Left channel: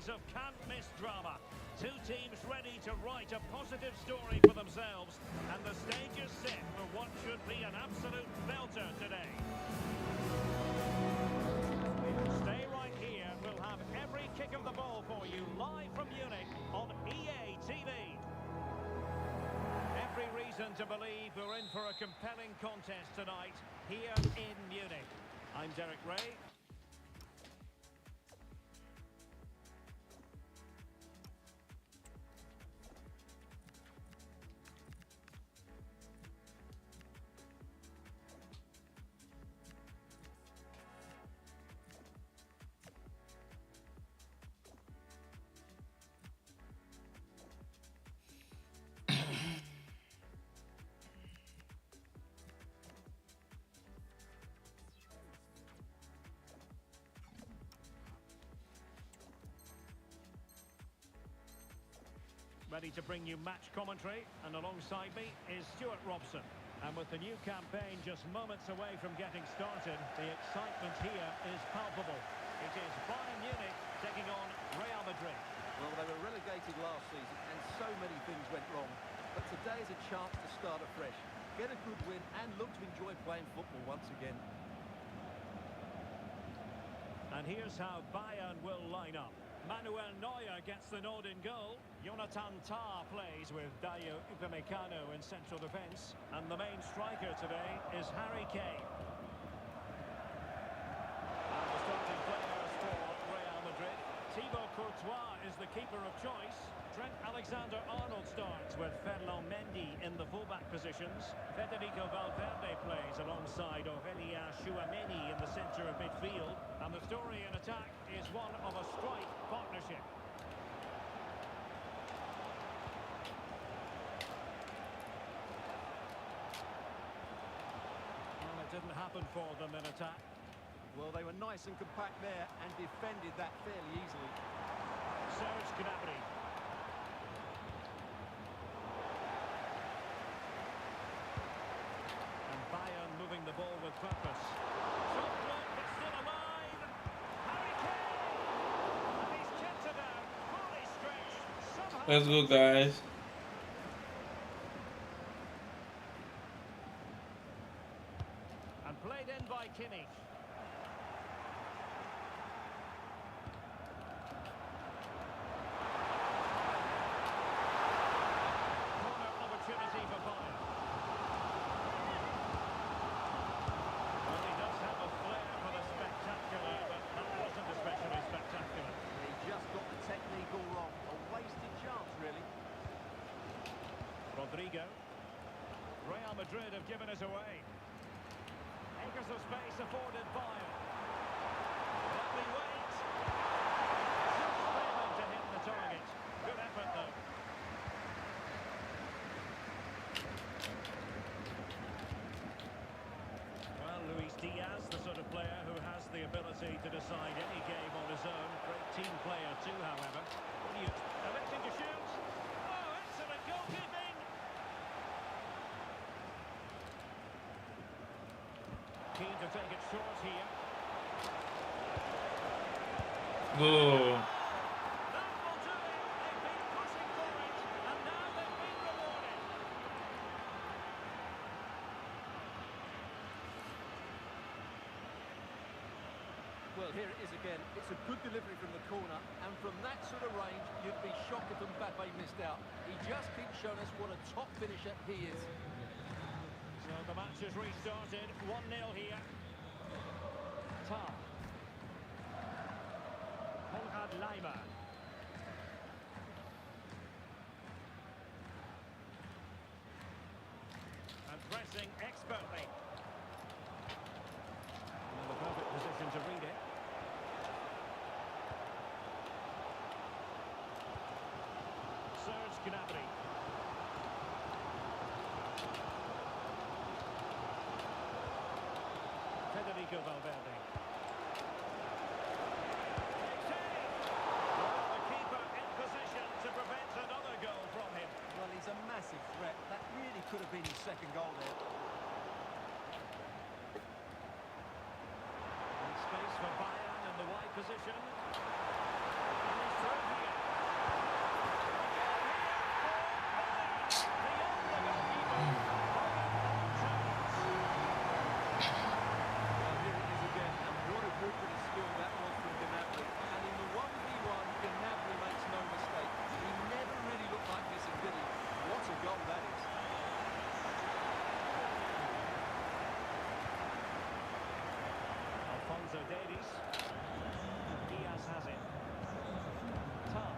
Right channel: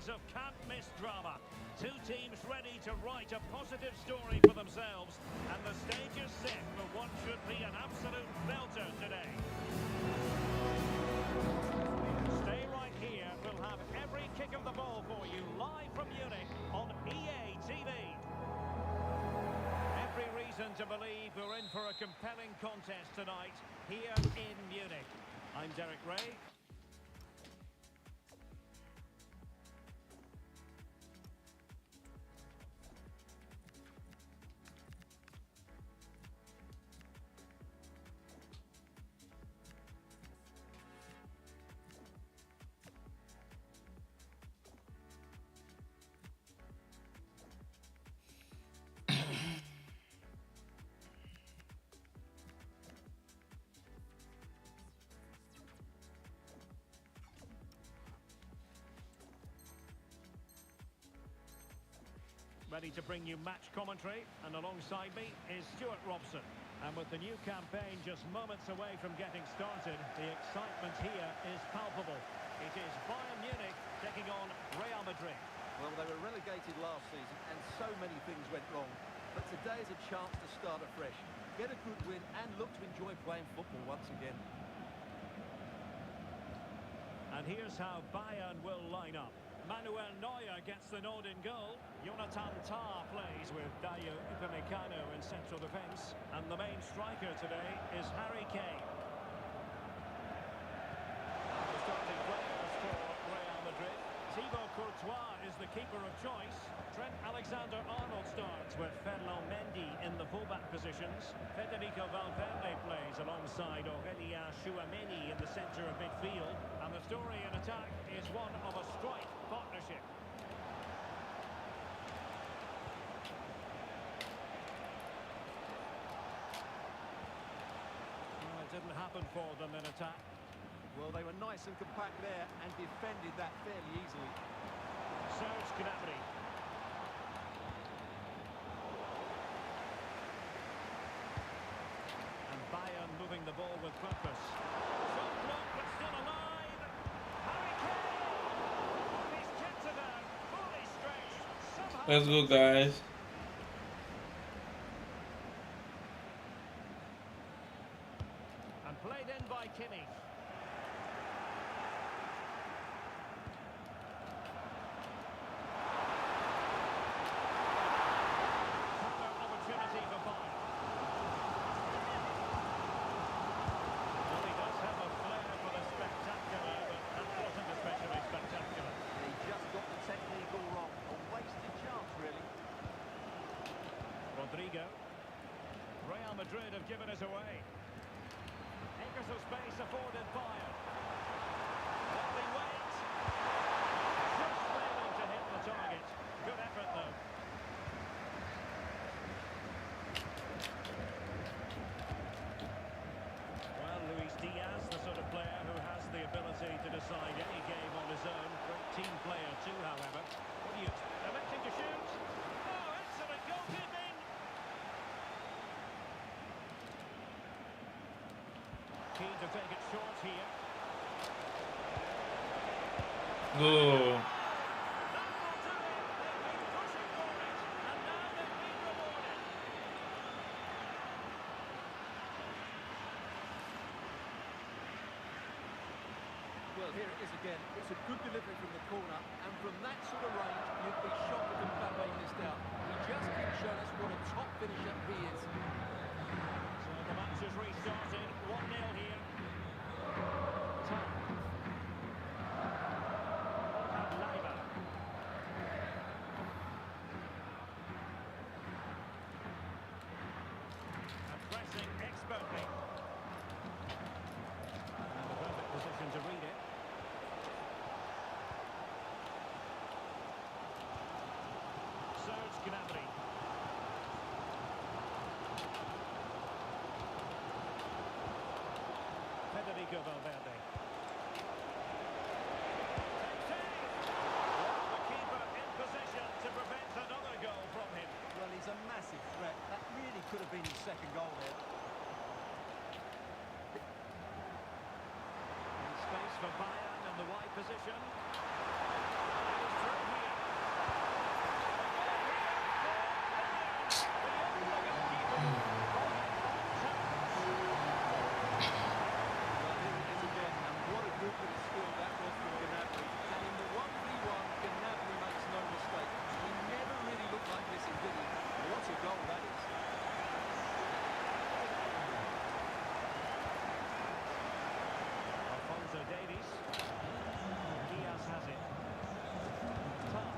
decades of can't-miss drama. Two teams ready to write a positive story for themselves, and the stage is set for what should be an absolute belter today. Stay right here. We'll have every kick of the ball for you live from Munich on EA TV. Every reason to believe we're in for a compelling contest tonight here in Munich. I'm Derek Ray. Ready to bring you match commentary, and alongside me is Stuart Robson. And with the new campaign just moments away from getting started, the excitement here is palpable. It is Bayern Munich taking on Real Madrid. Well, they were relegated last season and so many things went wrong. But today is a chance to start afresh, get a good win and look to enjoy playing football once again. And here's how Bayern will line up. Manuel Neuer gets the nod in goal. Jonathan Tah plays with Dayo Upamecano in central defence. And the main striker today is Harry Kane. And the starting players for Real Madrid. Thibaut Courtois is the keeper of choice. Trent Alexander-Arnold starts with Ferland Mendy in the fullback positions. Federico Valverde plays alongside Aurelien Tchouameni in the centre of midfield. And the story in attack is one of a strike partnership. Well, it didn't happen for them in attack. Well, they were nice and compact there and defended that fairly easily. Serge Gnabry. And Bayern moving the ball with purpose. Shot blocked, but still alive. Harry Kane! And he's kept it out, fully stretched. Somehow... Let's go, guys. And played in by Kimmich. Corner opportunity for Bayern. Well, he does have a flair for the spectacular, but that wasn't especially spectacular. He just got the technique all wrong. A wasted chance, really. Rodrigo. Real Madrid have given us away. Acres of space afforded Bayern. Lovely wait. Just failing to hit the target. Good effort, though. Well, Luis Diaz, the sort of player who has the ability to decide any game on his own. Great team player too, however. What do you... Electing to shoot. Oh, excellent goalkeeping. Keen to take it short here. Go. That will do it. They've been pushing for it, and now they've been rewarded. Well, here it is again. It's a good delivery from the corner, and from that sort of range, you'd be shocked if Mbappe missed out. He just keeps showing us what a top finisher he is. So the match has restarted. 1-0 here. Tah. Konrad Leiber. And pressing expertly. And in the perfect position to read it. Serge Gnabry. Federico Valverde. Takes aim! Well, the keeper in position to prevent another goal from him. Well, he's a massive threat. That really could have been his second goal there. And space for Bayern in the wide position. And he's through. goal, that is. Alphonso Davies. And Diaz has it. Tom.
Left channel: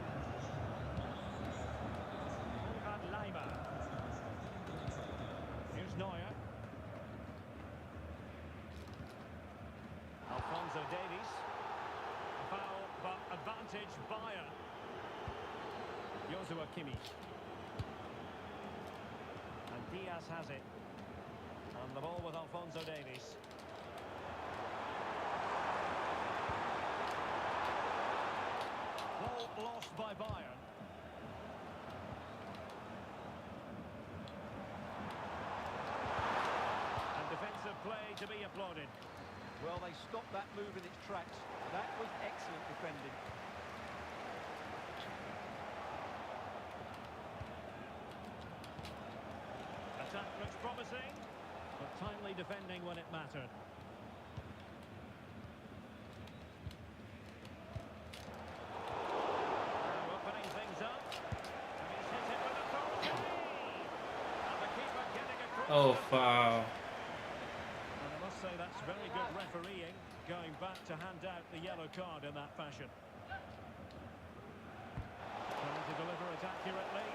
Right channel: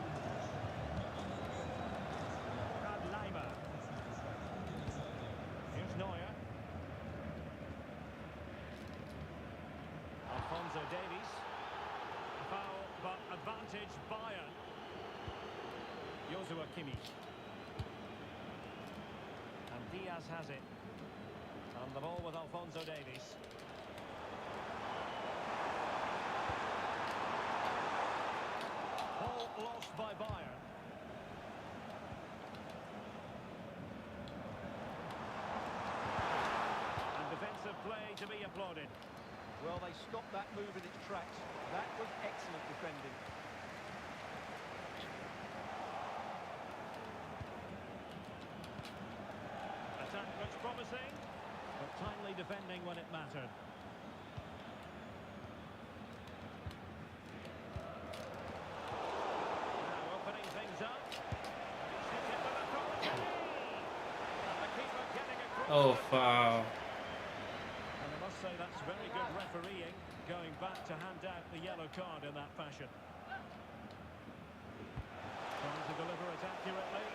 Lima. Here's Neuer. Alphonso Davies. A foul, but advantage Bayern. Joshua Kimmich. And Diaz has it. And the ball with Alphonso Davies. Ball lost by Bayern. And defensive play to be applauded. Well, they stopped that move in its tracks. That was excellent defending. Attack looks promising, but timely defending when it mattered. Now opening things up. And he's hit it with authority. And the keeper getting across. Oh, foul. And I must say that's very good refereeing, going back to hand out the yellow card in that fashion. Trying to deliver it accurately.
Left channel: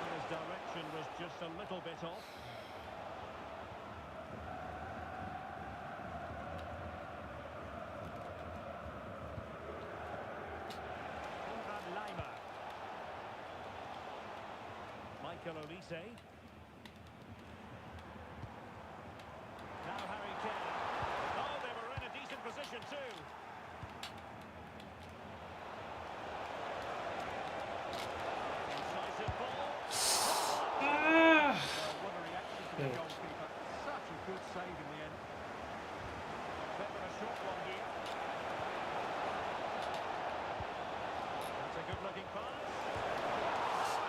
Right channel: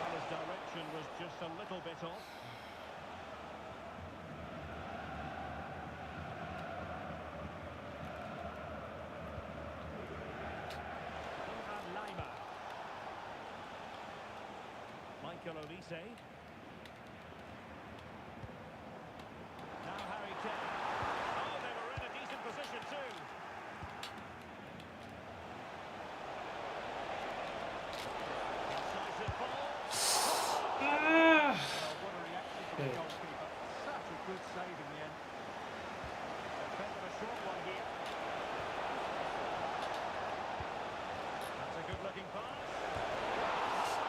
Well, his direction was just a little bit off. Lima. Michael Olise. Now Harry Kane. Oh, they were in a decent position too. Incisive ball. Ah. Well, what a reaction from the goalkeeper. Such a good save in the end. A bit of a short one here. That's a good-looking pass. Oh,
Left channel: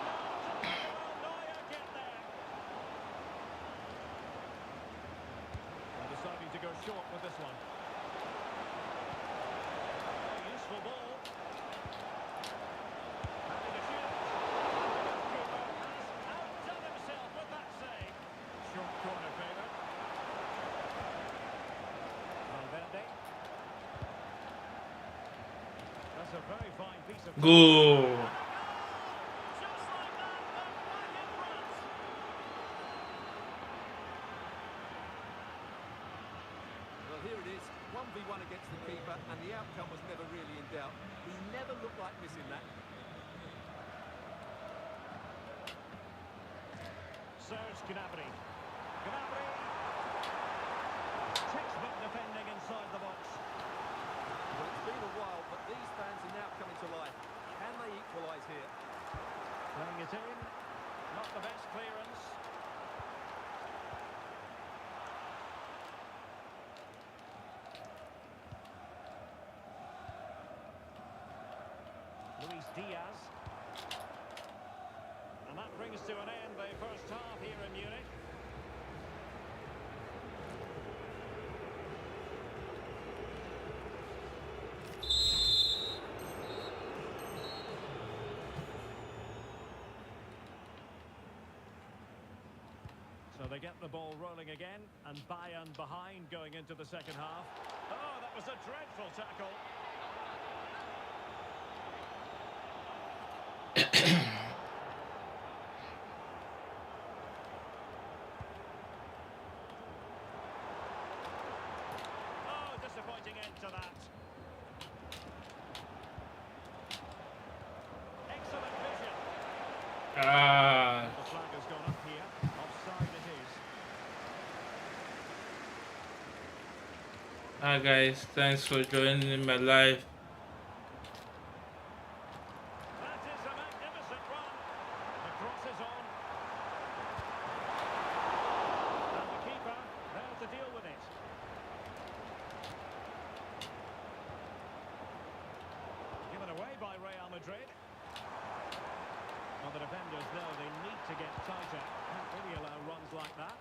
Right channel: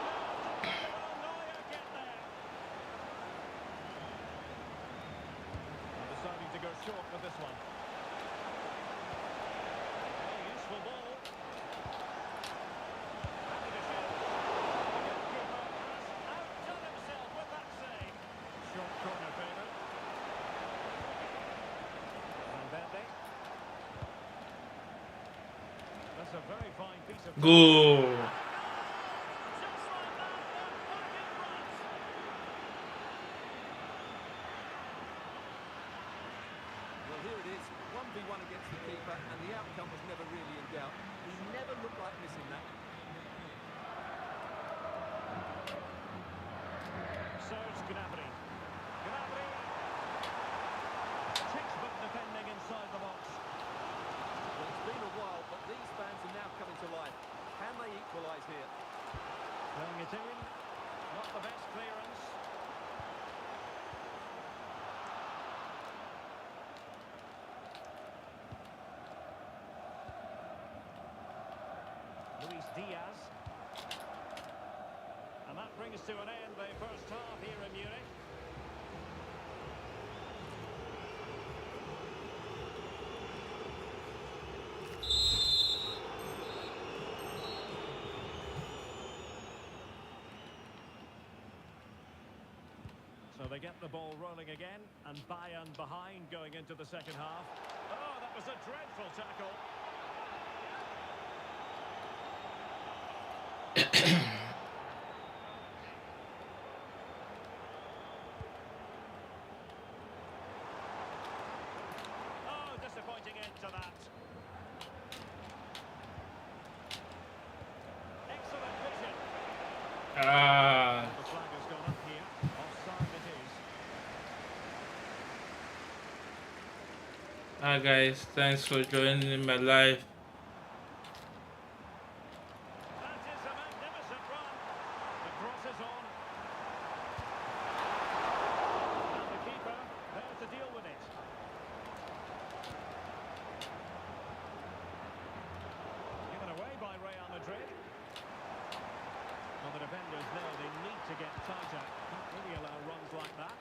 no, well, Neuer get there. And deciding to go short with this one. Oh, useful ball. Happy to shoot. The goalkeeper has outdone himself with that save. Short corner favourite. Valverde. That's a very fine piece of... Go. Just like that, they're back in front. Well, here it is. 1v1 against the keeper, and the outcome was never really in doubt. He never looked like missing that. Serge Gnabry. Gnabry. Textbook defending inside the box. Well, it's been a while, but these fans are now coming to life. Can they equalise here? Playing it in. Not the best clearance. Luis Diaz. And that brings to an end the first half here in Munich. So they get the ball rolling again, and Bayern behind going into the second half. Oh, that was a dreadful tackle. Oh, disappointing end to that. Excellent vision. Ah. The flag has gone up here. Offside it is. Hi guys, thanks for joining my live. That is a magnificent run. The cross is on. And the keeper there to deal with it. Given away by Real Madrid. Well, the defenders know they need to get tighter. Can't really allow runs like that.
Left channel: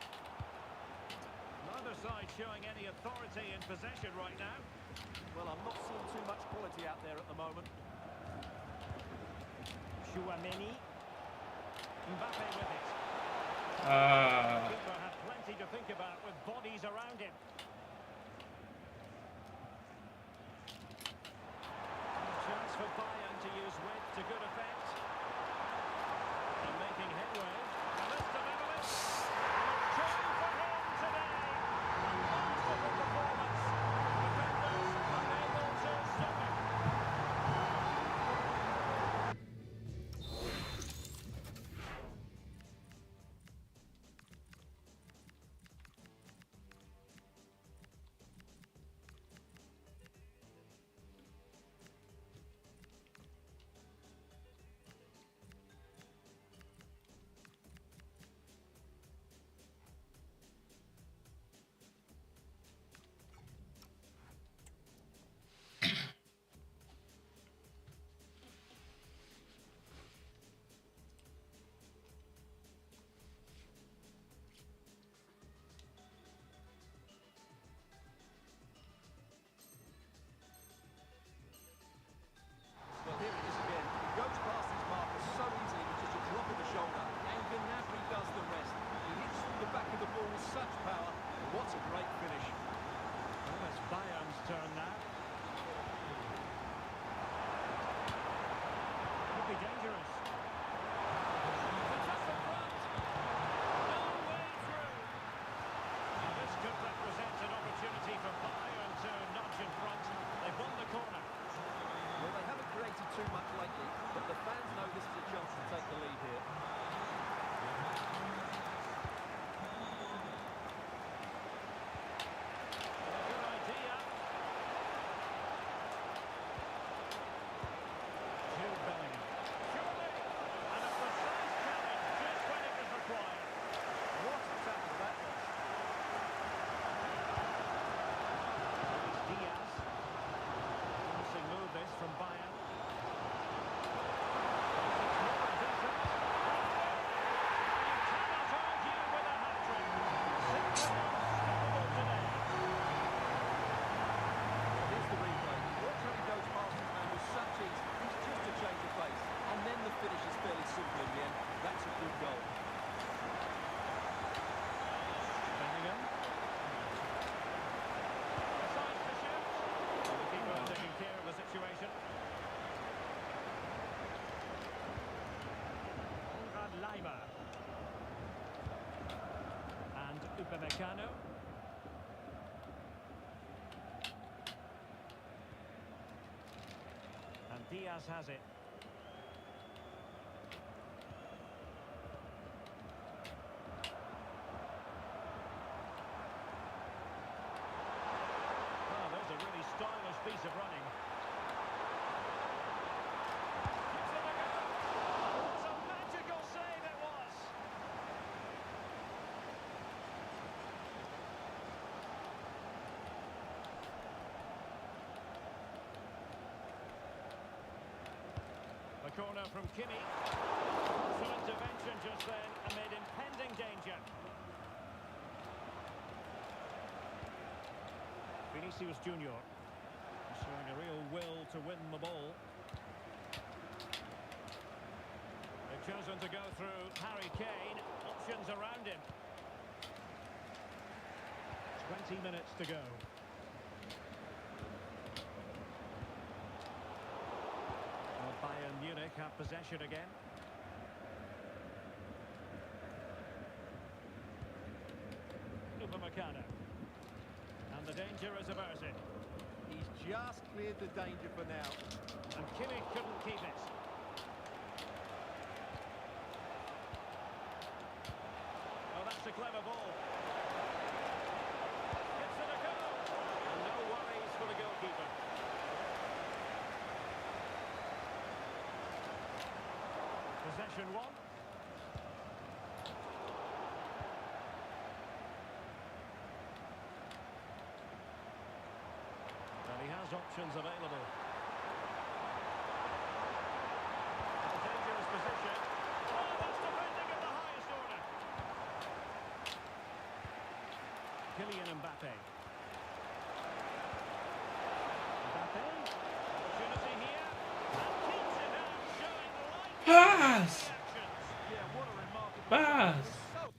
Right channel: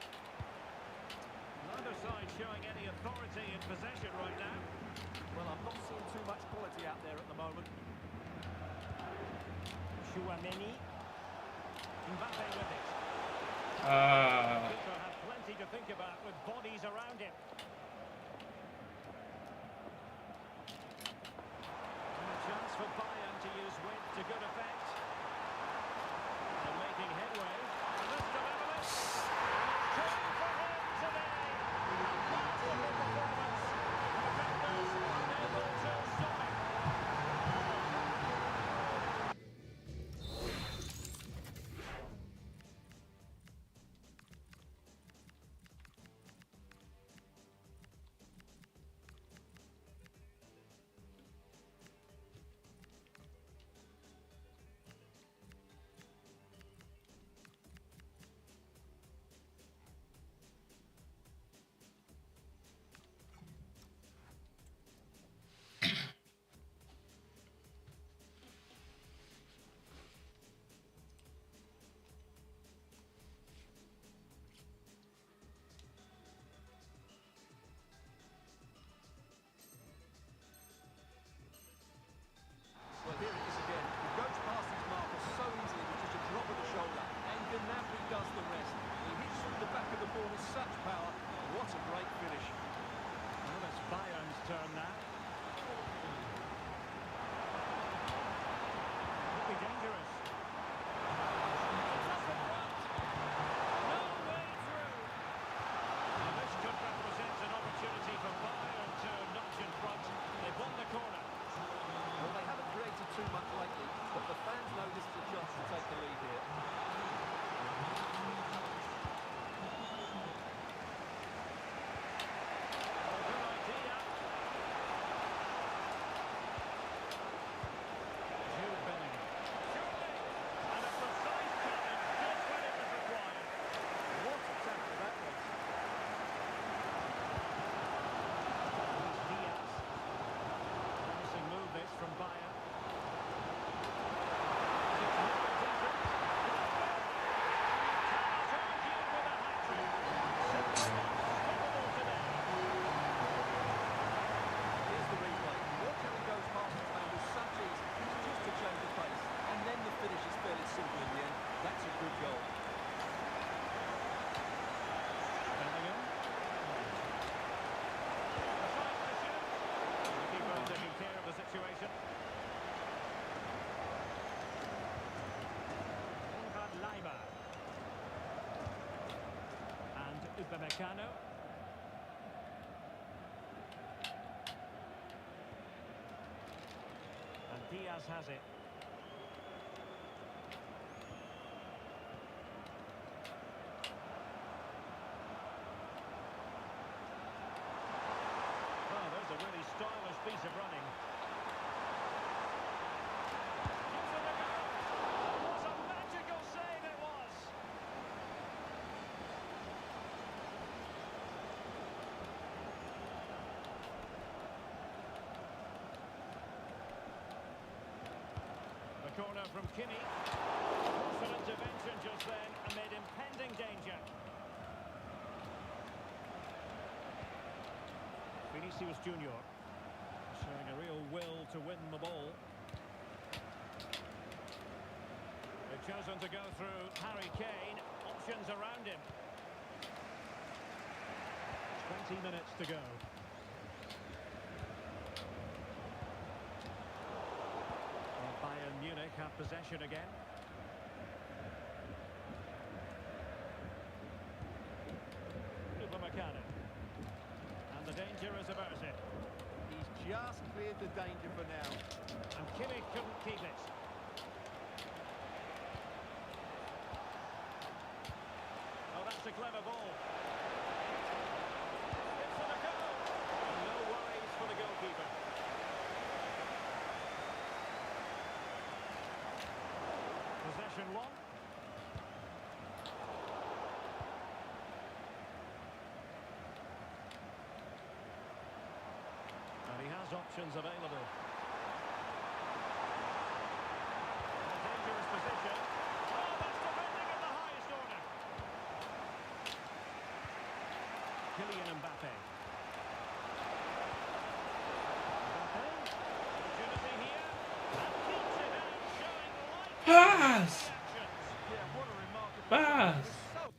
Neither side showing any authority in possession right now. Well, I'm not seeing too much quality out there at the moment. Chouameni. Mbappe with it. Ah. Keeper had plenty to think about with bodies around him. And a chance for Bayern to use width to good effect. And making headway. And this delivers. And it's two for him today. A masterful performance. Defenders unable to stop him. Well, here it is again. He goes past his marker so easily with just a drop of the shoulder, and Gnabry does the rest. He hits through the back of the ball with such power. What a great finish. Well, it's Bayern's turn now. Could be dangerous. It's up in front. No way through. Now this could represent an opportunity for Bayern to nudge in front. They've won the corner. Well, they haven't created too much lately, but the fans know this is a chance to take the lead here. Well, good idea. Jude Bellingham. Surely! And a precise challenge just when it was required. What a tackle that was. Luis Diaz. Promising move this from Bayern. It's more than decent. Lovely! And you cannot argue with a hat-trick. Simply unstoppable today. Here's the replay. Watch how he goes past his man with such ease. It's just a change of pace. And then the finish is fairly simple in the end. That's a good goal. Bellingham. Decides to shoot. And the keeper taking care of the situation. Konrad Leimer. And Upamecano. And Diaz has it. Well, there's a really stylish piece of running. Gives it a go. And what a magical save it was. The corner from Kimmich. Some intervention just then amid impending danger. Vinicius Junior showing a real will to win the ball. They've chosen to go through Harry Kane. Options around him. 20 minutes to go. Well, Bayern Munich have possession again. Upamecano. And the danger is averted. He's just cleared the danger for now. And Kimmich couldn't keep it. Oh, that's a clever ball. Gives it a go. And no worries for the goalkeeper. Possession one. And he has options available. A dangerous position. Oh, that's defending at the highest order. Kylian Mbappe. Mbappe. Opportunity here. And keeps it out, showing light. Pass! Yeah, what a remarkable... Pass! So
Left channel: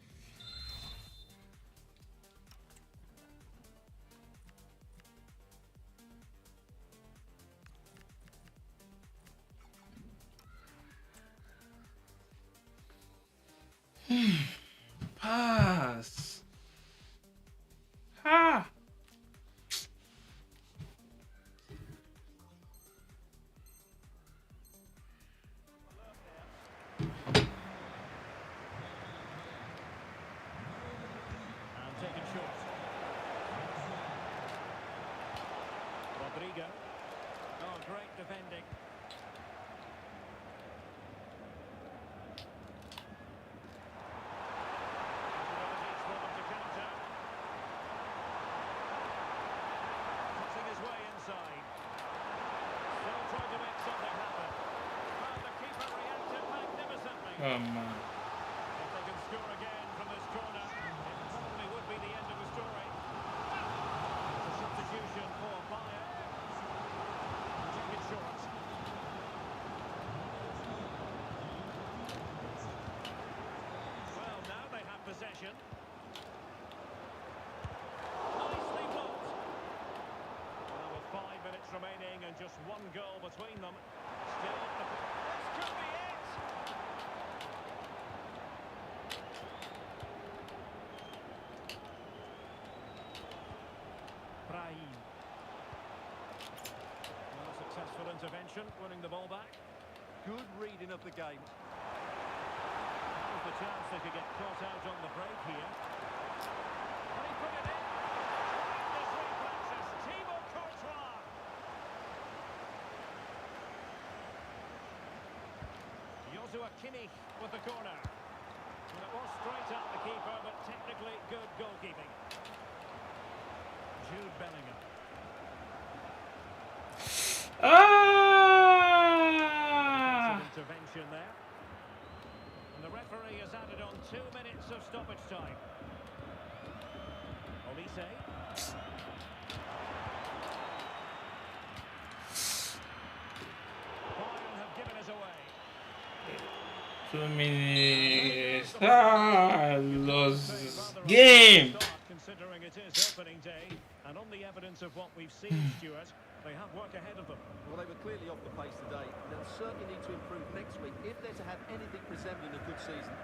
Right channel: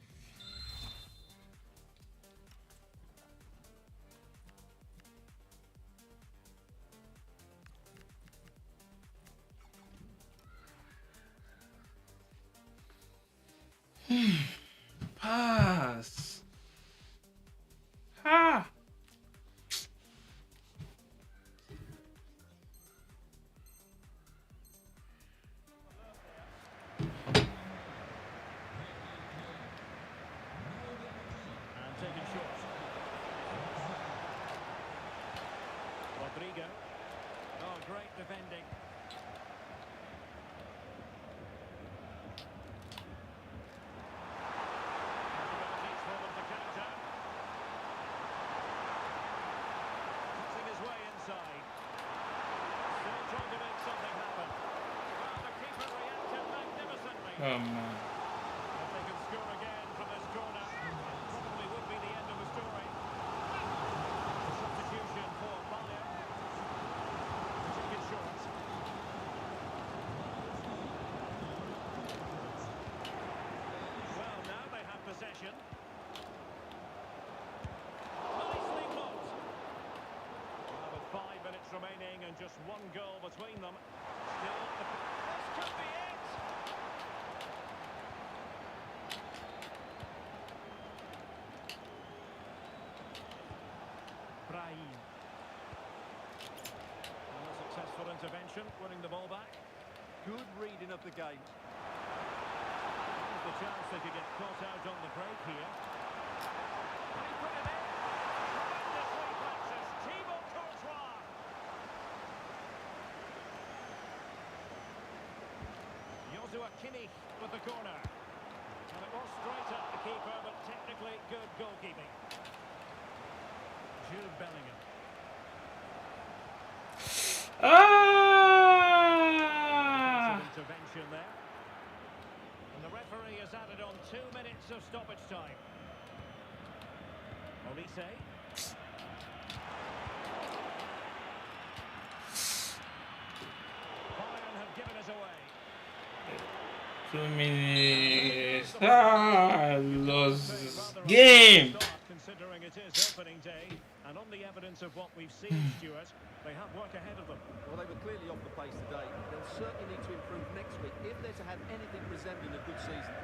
defending. Possibilities for them to counter. Cutting his way inside. Still trying to make something happen. Well, the keeper reacted magnificently. Oh man. If they can score again from this corner, it probably would be the end of the story. A substitution for Bayern. Take it short. Well, now they have possession. Nicely blocked. Well, with 5 minutes remaining and just one goal between them, still the... This could be it! Brahim. Well, a successful intervention, winning the ball back. Good reading of the game. That was the chance they could get caught out on the break here. And he put it in. Tremendous reflexes. Thibaut Courtois. Joshua Kimmich with the corner. Well, it was straight at the keeper, but technically good goalkeeping. Jude Bellingham. Ah! Intervention there. And the referee has added on 2 minutes of stoppage time. Olise. Bayern have given us away. 2 minutes. Ah, lost this game. Considering it is opening day, and on the evidence of what we've seen, Stuart, they have work ahead of them. Well, they were clearly off the pace today. They'll certainly need to improve next week if they're to have anything resembling a good season.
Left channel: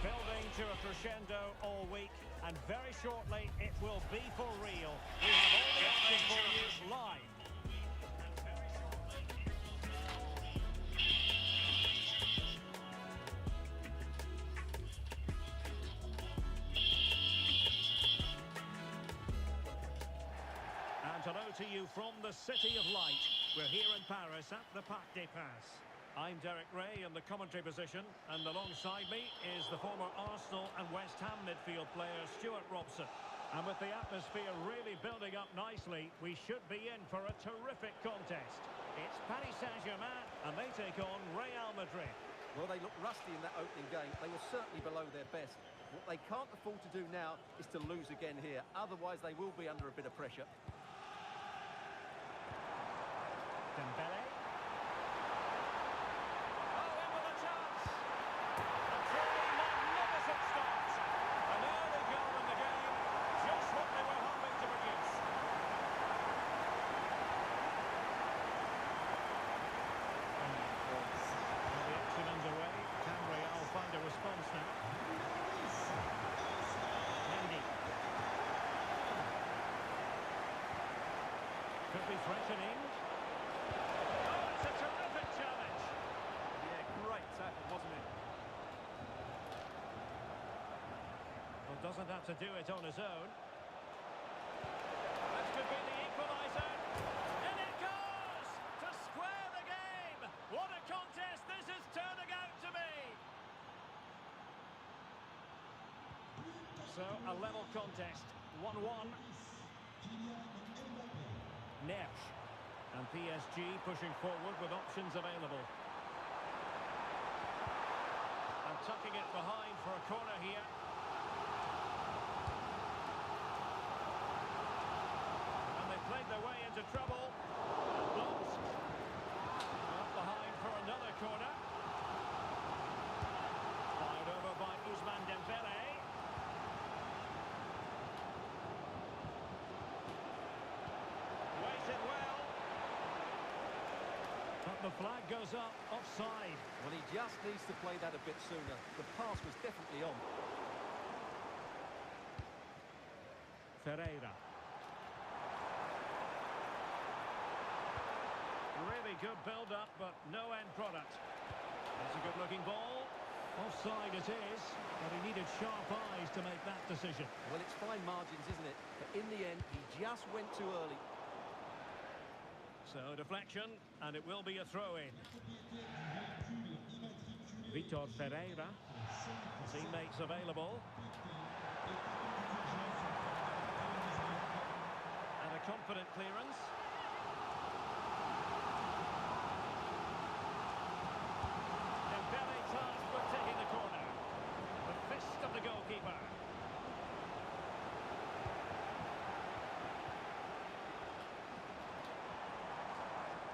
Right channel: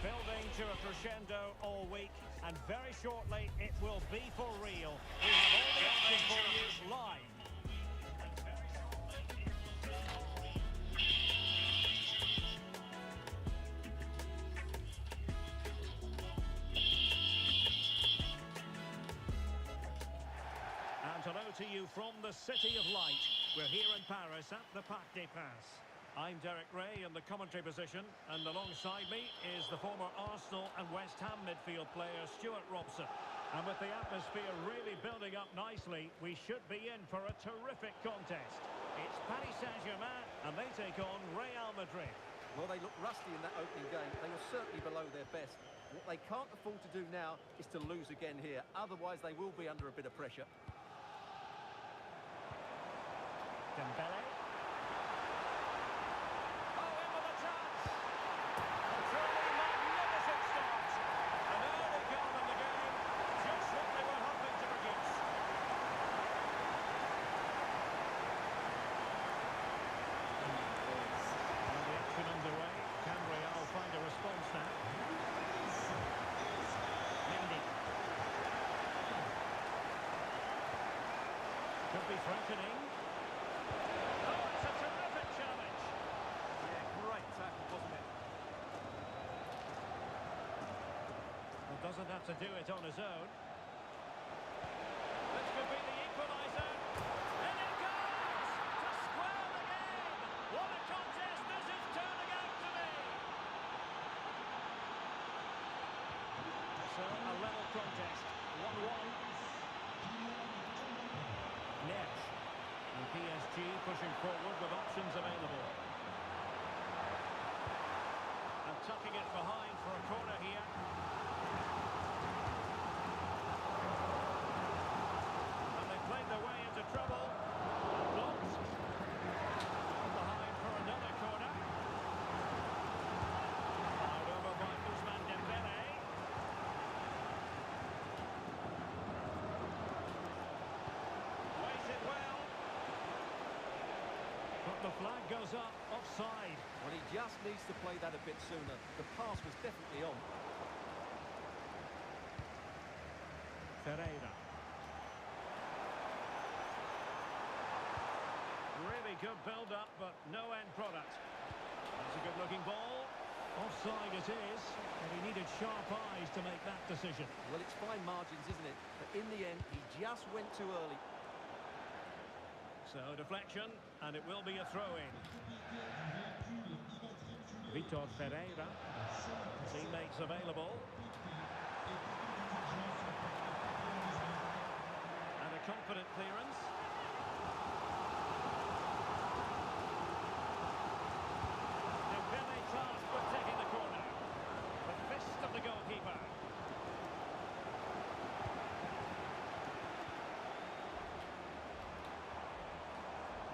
Building to a crescendo all week, and very shortly it will be for real. We have all the action for you live. And hello to you from the City of Light. We're here in Paris at the Parc des Princes. I'm Derek Ray in the commentary position, and alongside me is the former Arsenal and West Ham midfield player Stuart Robson. And with the atmosphere really building up nicely, we should be in for a terrific contest. It's Paris Saint-Germain, and they take on Real Madrid. Well, they looked rusty in that opening game. They were certainly below their best. What they can't afford to do now is to lose again here. Otherwise, they will be under a bit of pressure. Dembele. Oh, in with a chance. A truly magnificent start. An early goal in the game. Just what they were hoping to produce. Well, the action underway. Can Real find a response now? Mendy. Could be threatening. Oh, it's a terrific challenge. Yeah, great tackle, wasn't it? Well, doesn't have to do it on his own. This could be the equaliser. And it goes! To square the game! What a contest this is turning out to be! So, a level contest. 1-1. Nesh. And PSG pushing forward with options available. And tucking it behind for a corner here. And they played their way into trouble. And blocked. Well behind for another corner. Fired over by Ousmane Dembele. Waited well. But the flag goes up, offside. Well, he just needs to play that a bit sooner. The pass was definitely on. Ferreira. Really good build-up, but no end product. That's a good-looking ball. Offside it is, but he needed sharp eyes to make that decision. Well, it's fine margins, isn't it? But in the end, he just went too early. So, deflection, and it will be a throw-in. Vitor Ferreira. Teammates available. And a confident clearance. Dembele tasked with taking the corner. The fist of the goalkeeper.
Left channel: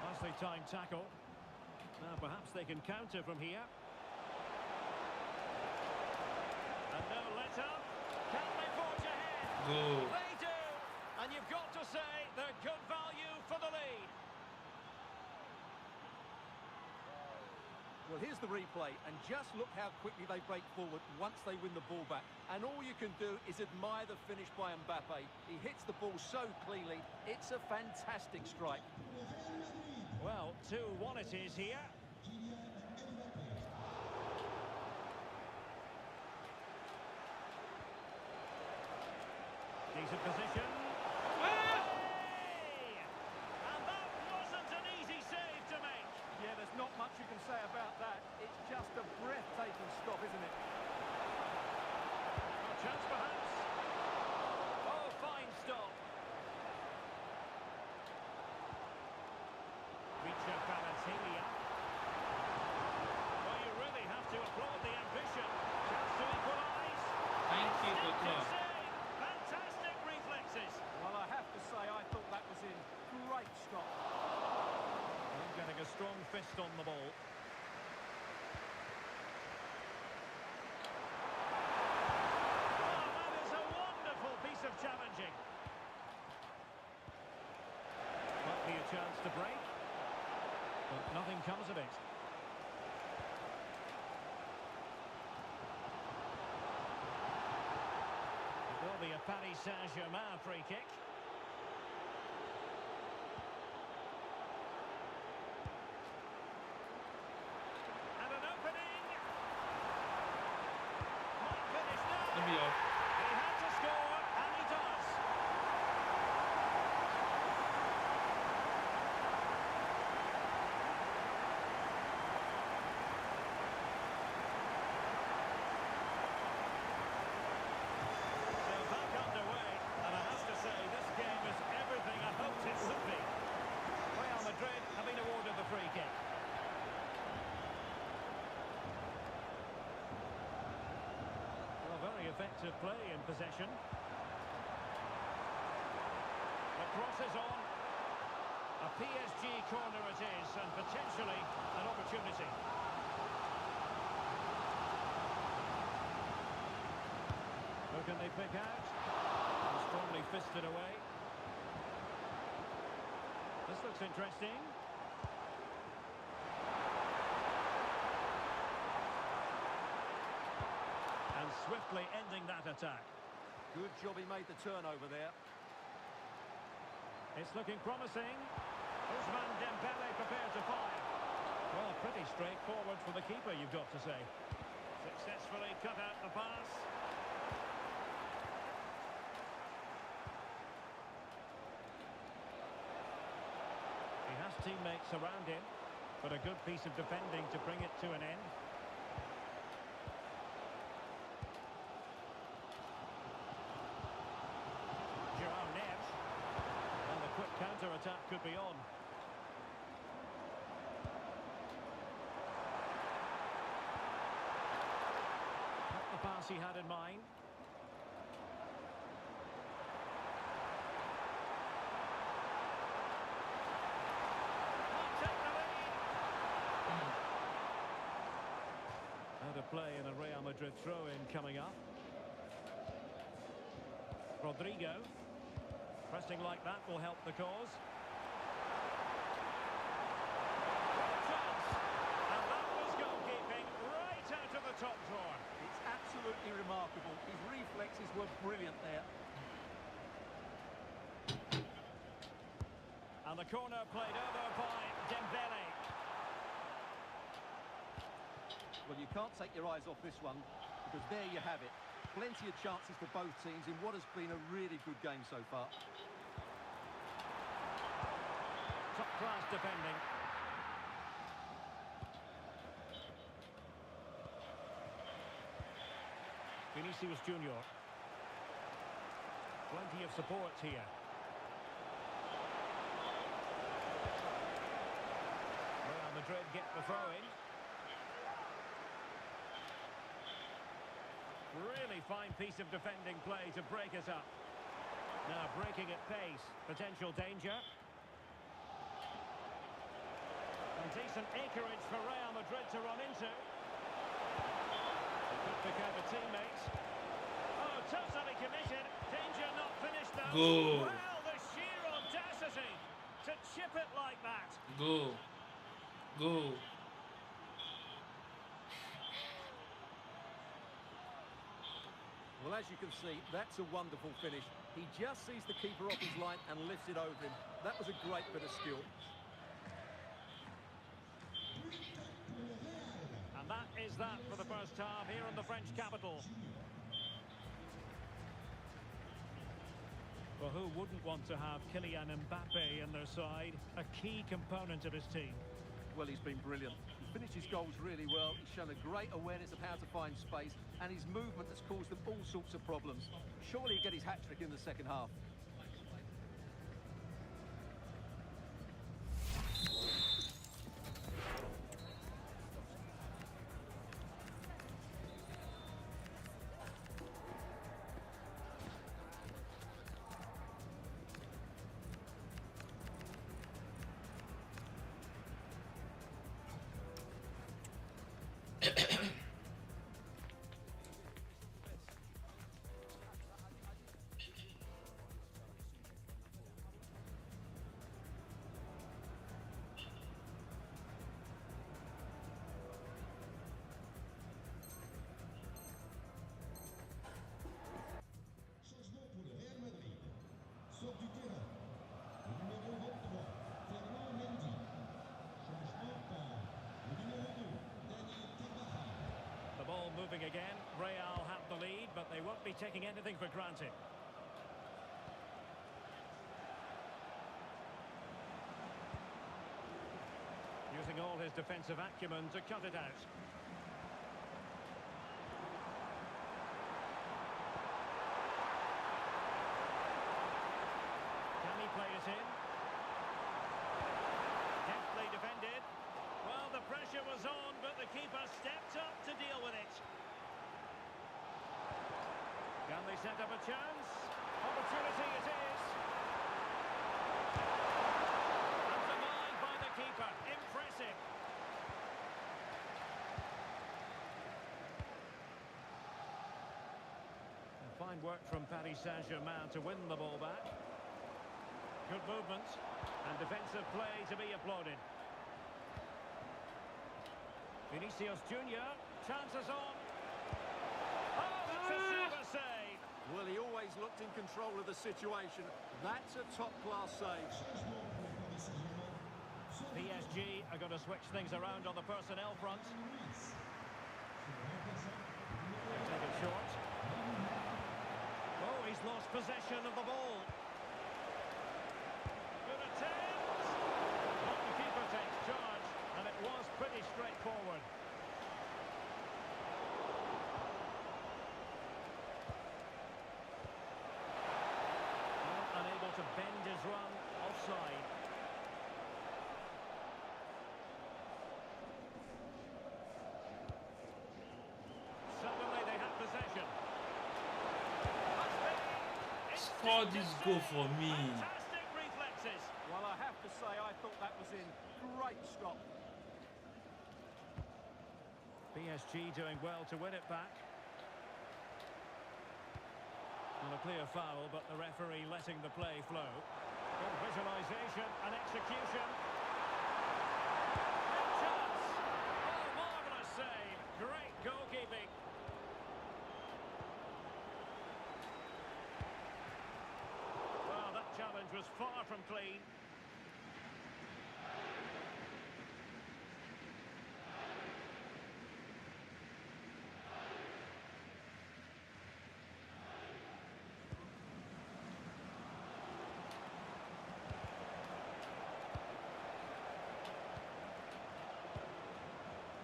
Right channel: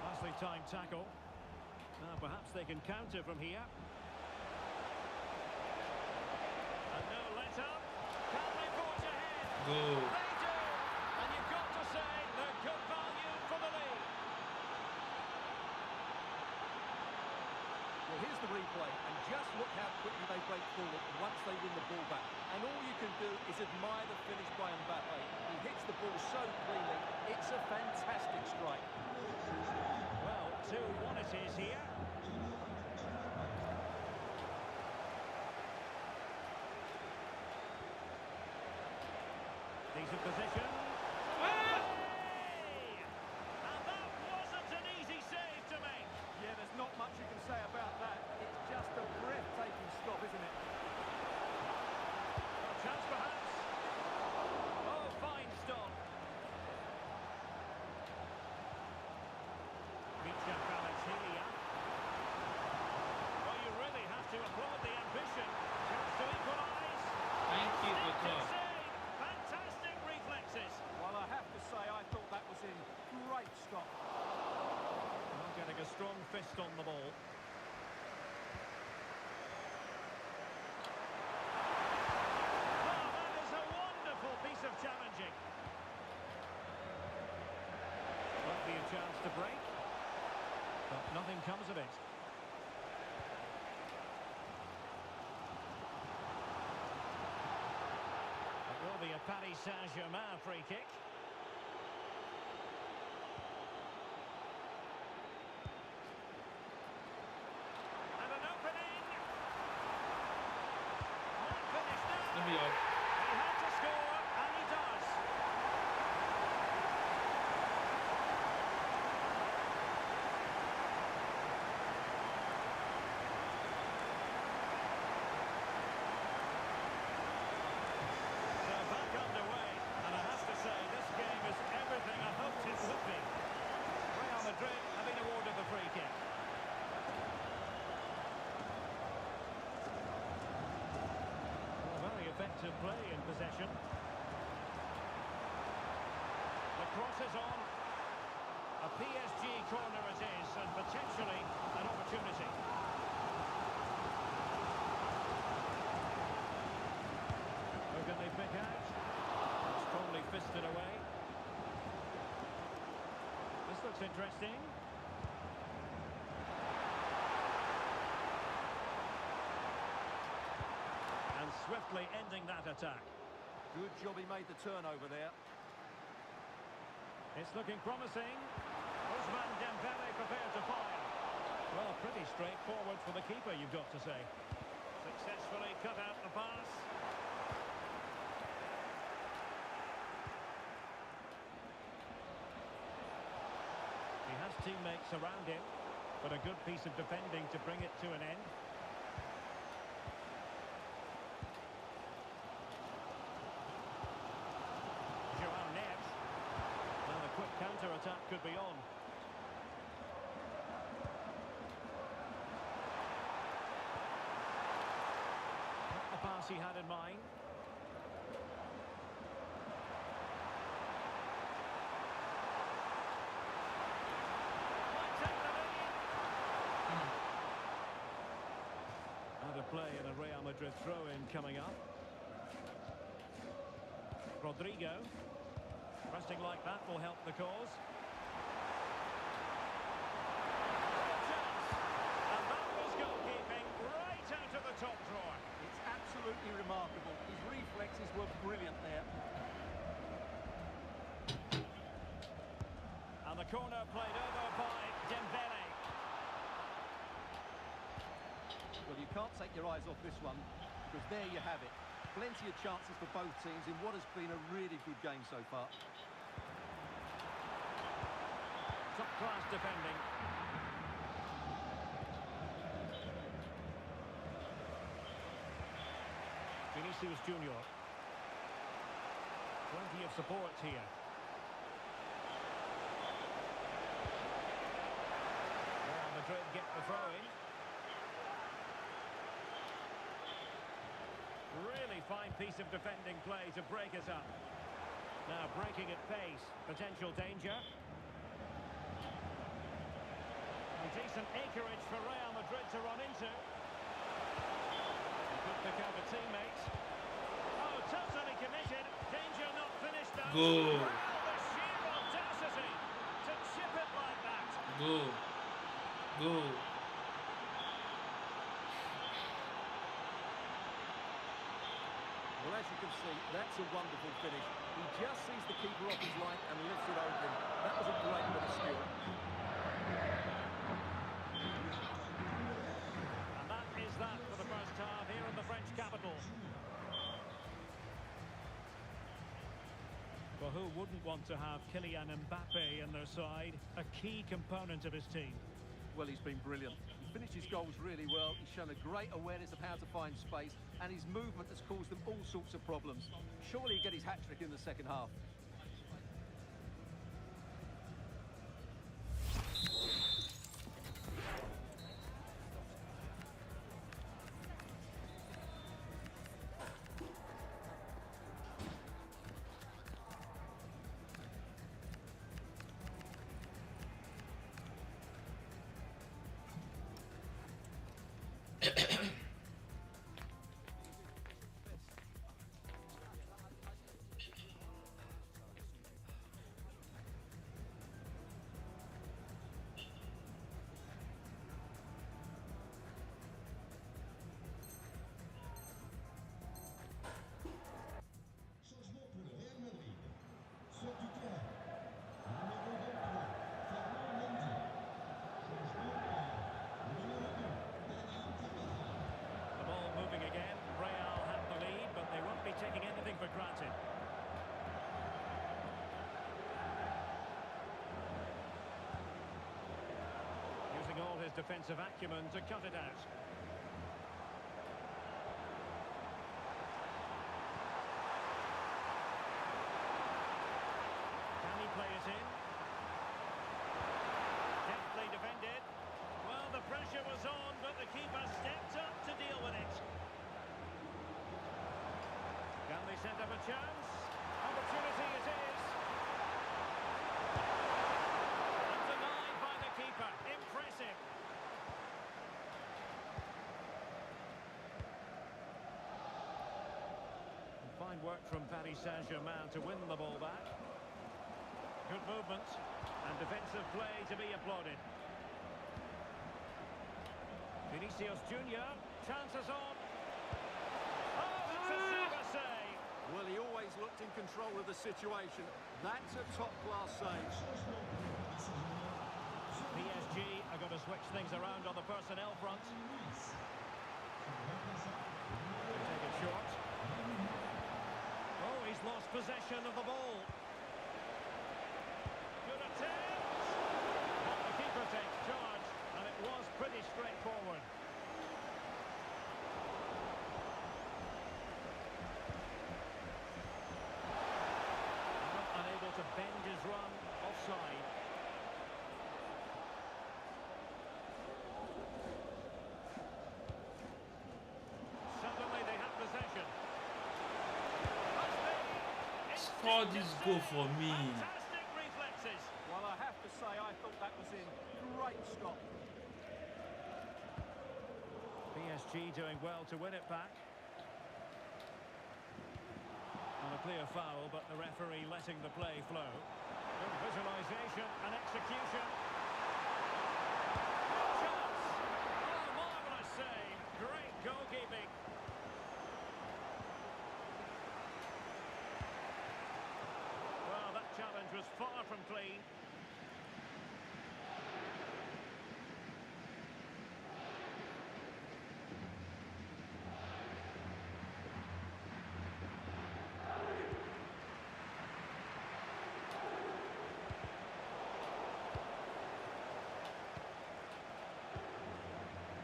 Nicely timed tackle. Now perhaps they can counter from here. And no let up. Can they forge ahead? Go. They do. And you've got to say they're good value for the lead. Well, here's the replay, and just look how quickly they break forward once they win the ball back. And all you can do is admire the finish by Mbappe. He hits the ball so cleanly. It's a fantastic strike. Well, 2-1 it is here. Decent position. Hey! And that wasn't an easy save to make. Yeah, there's not much you can say about that. It's just a breathtaking stop, isn't it? A chance perhaps. Oh, fine stop. Micha Valentilia. Well, you really have to applaud the ambition. Chance to equalise. Thank you, Instinctive Coach. save. Fantastic reflexes. Well, I have to say, I thought that was in. Great stop. Well, getting a strong fist on the ball. Oh, that is a wonderful piece of challenging. Might be a chance to break. But nothing comes of it. It will be a Paris Saint-Germain free kick. And an opening. Might finish now. Let me off. He had to score, and he does. Back underway, and I have to say this game is everything I hoped it would be. Real Madrid have been awarded the free kick. Well, very effective play in possession. The cross is on. A PSG corner it is, and potentially an opportunity. Who can they pick out? Strongly fisted away. This looks interesting. And swiftly ending that attack. Good job he made the turnover there. It's looking promising. Ousmane Dembele prepared to fire. Well, pretty straightforward for the keeper, you've got to say. Successfully cut out the pass. He has teammates around him, but a good piece of defending to bring it to an end. Joao Neves. Well, the quick counter-attack could be on. pass he had in mind. Might take the lead. Out of play in a Real Madrid throw-in coming up. Rodrigo. Pressing like that will help the cause. Great chance. And that was goalkeeping right out of the top drawer. It's absolutely remarkable. His reflexes were brilliant there. And the corner played over by Dembele. Well, you can't take your eyes off this one, because there you have it. Plenty of chances for both teams in what has been a really good game so far. Top-class defending. Vinicius Junior. Plenty of support here. Real Madrid get the throw-in. Really fine piece of defending play to break us up. Now breaking at pace. Potential danger. And decent acreage for Real Madrid to run into. They could pick out a teammate. Oh, totally committed. Danger not finished though. Go. Well, the sheer audacity to chip it like that. Go. Go. Well, as you can see, that's a wonderful finish. He just sees the keeper off his line and lifts it over him. That was a great bit of skill. And that is that for the first half here in the French capital. Well, who wouldn't want to have Kylian Mbappe in their side? A key component of his team. Well, he's been brilliant. He finished his goals really well. He's shown a great awareness of how to find space, and his movement has caused them all sorts of problems. Surely he'll get his hat-trick in the second half. Changement pour le Real Madrid. Sort du terrain. Le numéro 23, Fernand Mendy. Changement par le numéro 2, Dani Carvajal. The ball moving again. Real have the lead, but they won't be taking anything for granted. Using all his defensive acumen to cut it out. Can he play it in? Deftly defended. Well, the pressure was on, but the keeper stepped up to deal with it. Can they set up a chance? Opportunity it is. And denied by the keeper. Impressive. And fine work from Paris Saint-Germain to win the ball back. Good movement and defensive play to be applauded. Vinicius Junior, chances on. Oh, it's a super save. Well, he always looked in control of the situation. That's a top-class save. Changement pour Paris Saint-Germain. PSG are going to switch things around on the personnel front. Luis. Son remplaçant, le They numéro take it short. Oh, he's lost possession of the ball. Good attempt. But the keeper takes charge, and it was pretty straightforward. Well, unable to bend his run, offside. Suddenly they have possession. score this goal for me. Fantastic reflexes. Well, I have to say, I thought that was in. Great stop. PSG doing well to win it back. On a clear foul, but the referee letting the play flow. Good visualisation and execution. Good chance. Oh, marvellous save. Great goalkeeping. Well, that challenge was far from clean.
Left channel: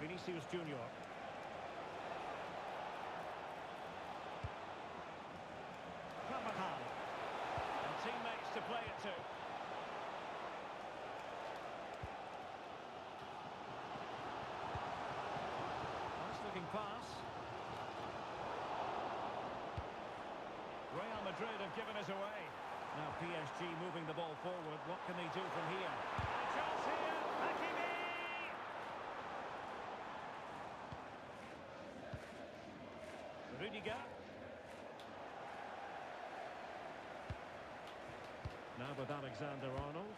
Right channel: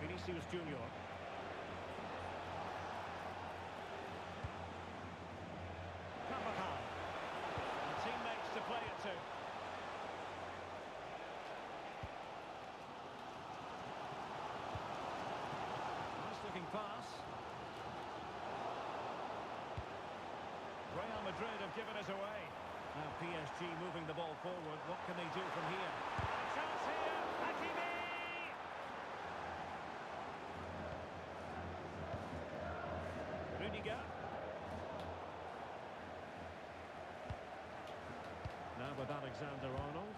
Vinicius Junior. Carvajal. And teammates to play it to. Nice looking pass. Real Madrid have given us away. Now PSG moving the ball forward. What can they do from here? A chance here. Hakimi! Rudiger. Now with Alexander-Arnold.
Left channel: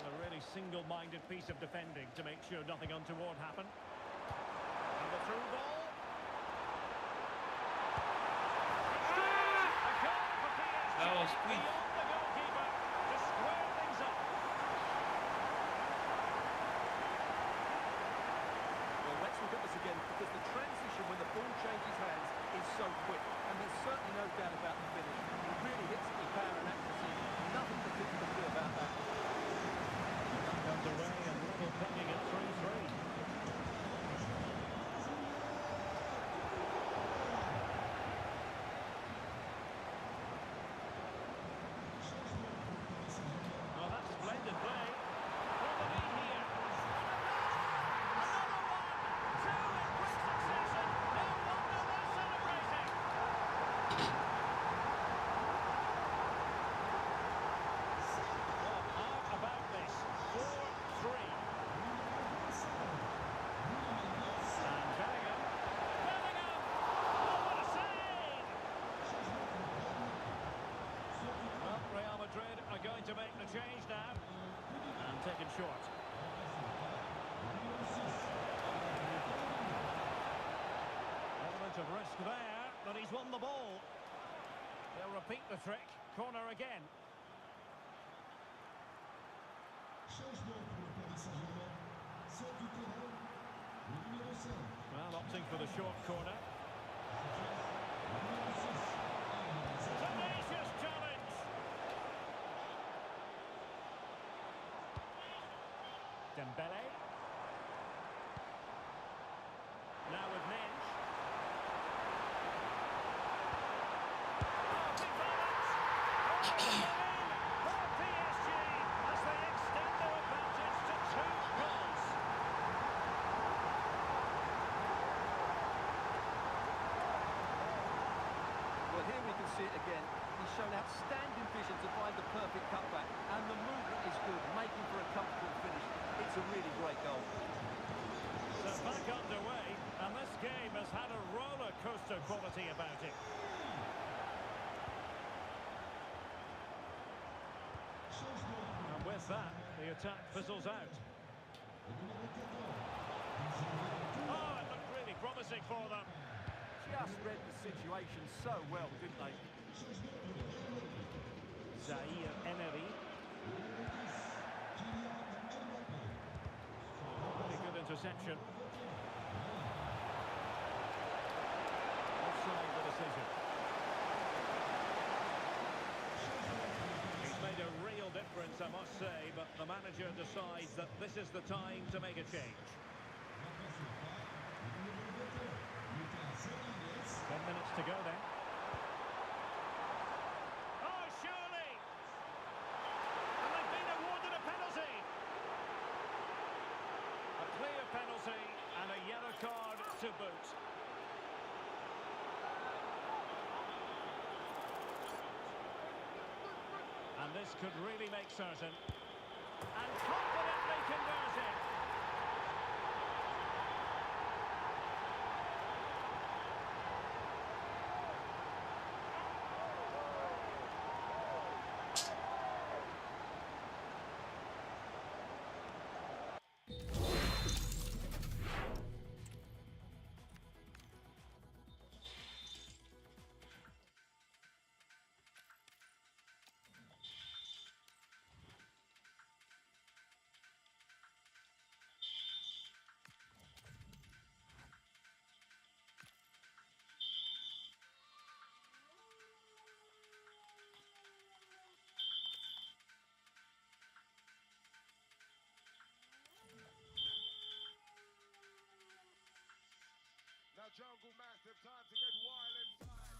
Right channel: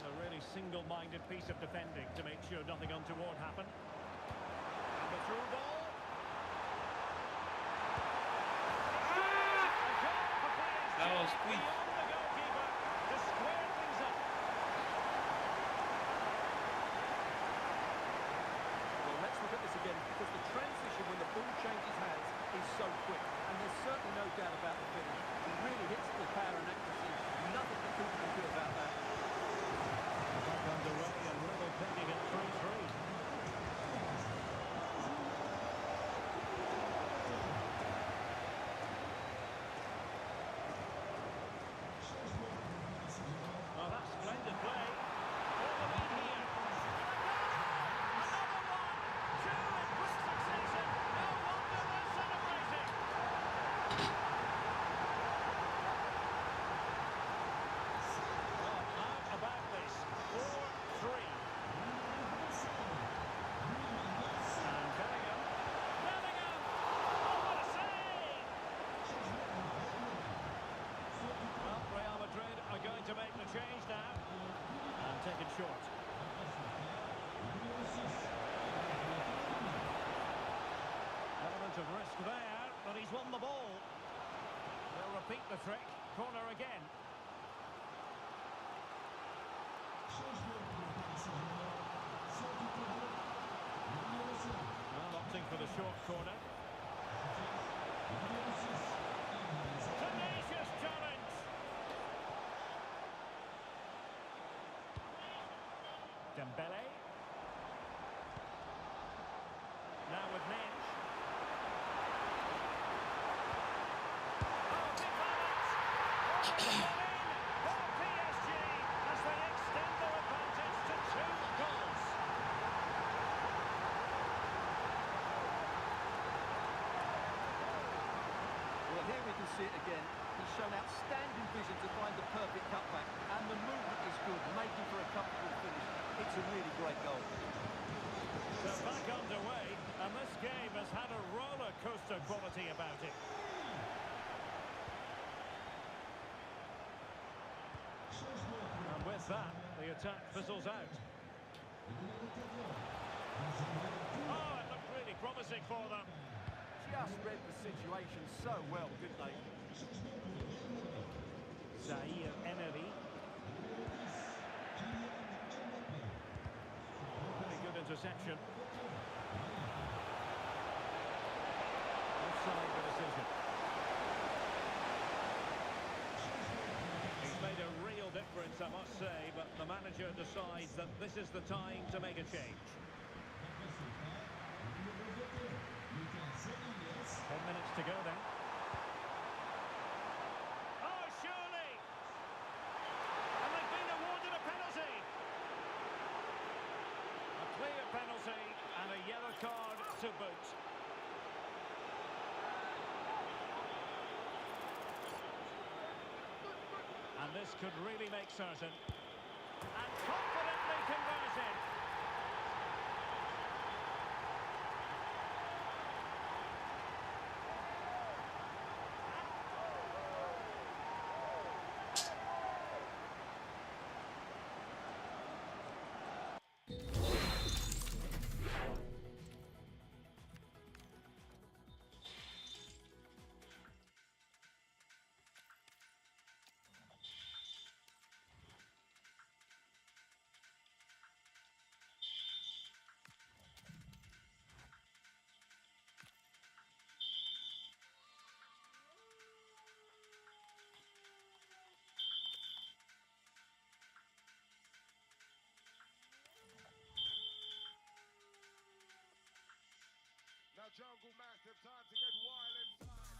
A really single-minded piece of defending to make sure nothing untoward happened. And the through ball. A goal for PSG. That was quick. Beyond the goalkeeper to square things up. Well, let's look at this again, because the transition when the ball changes hands is so quick, and there's certainly no doubt about the finish. He really hits it with power and accuracy. Nothing the keeper can do about that. Back underway and level pegging at 3-3. Oh, that's splendid play. For the lead here. Another one! Two in quick succession. No wonder they're celebrating. Well, how about this? 4-3. And Bellingham. Bellingham! Oh, what a save! Well, Real Madrid are going to make the change now. And taken short. Element of risk there, but he's won the ball. They'll repeat the trick. Corner again. Well, opting for the short corner. Tenacious challenge. Dembele. Now with Minge. Oh, big moment! Oh, it's gone in for PSG as they extend their advantage to 2 goals. Well, here we can see it again. He's shown outstanding vision to find the perfect cutback, and the movement is good, making for a comfortable finish. It's a really great goal. So back underway, and this game has had a roller coaster quality about it. And with that, the attack fizzles out. Oh, it looked really promising for them. Just read the situation so well, didn't they? Zaire Emery. Very good interception. Offside the decision. He's made a real difference, I must say, but the manager decides that this is the time to make a change. 10 minutes to go then. Oh, surely! And they've been awarded a penalty. A clear penalty and a yellow card to boot. And this could really make certain. And confidently converted. Now Jungle Massive, time to get wild inside.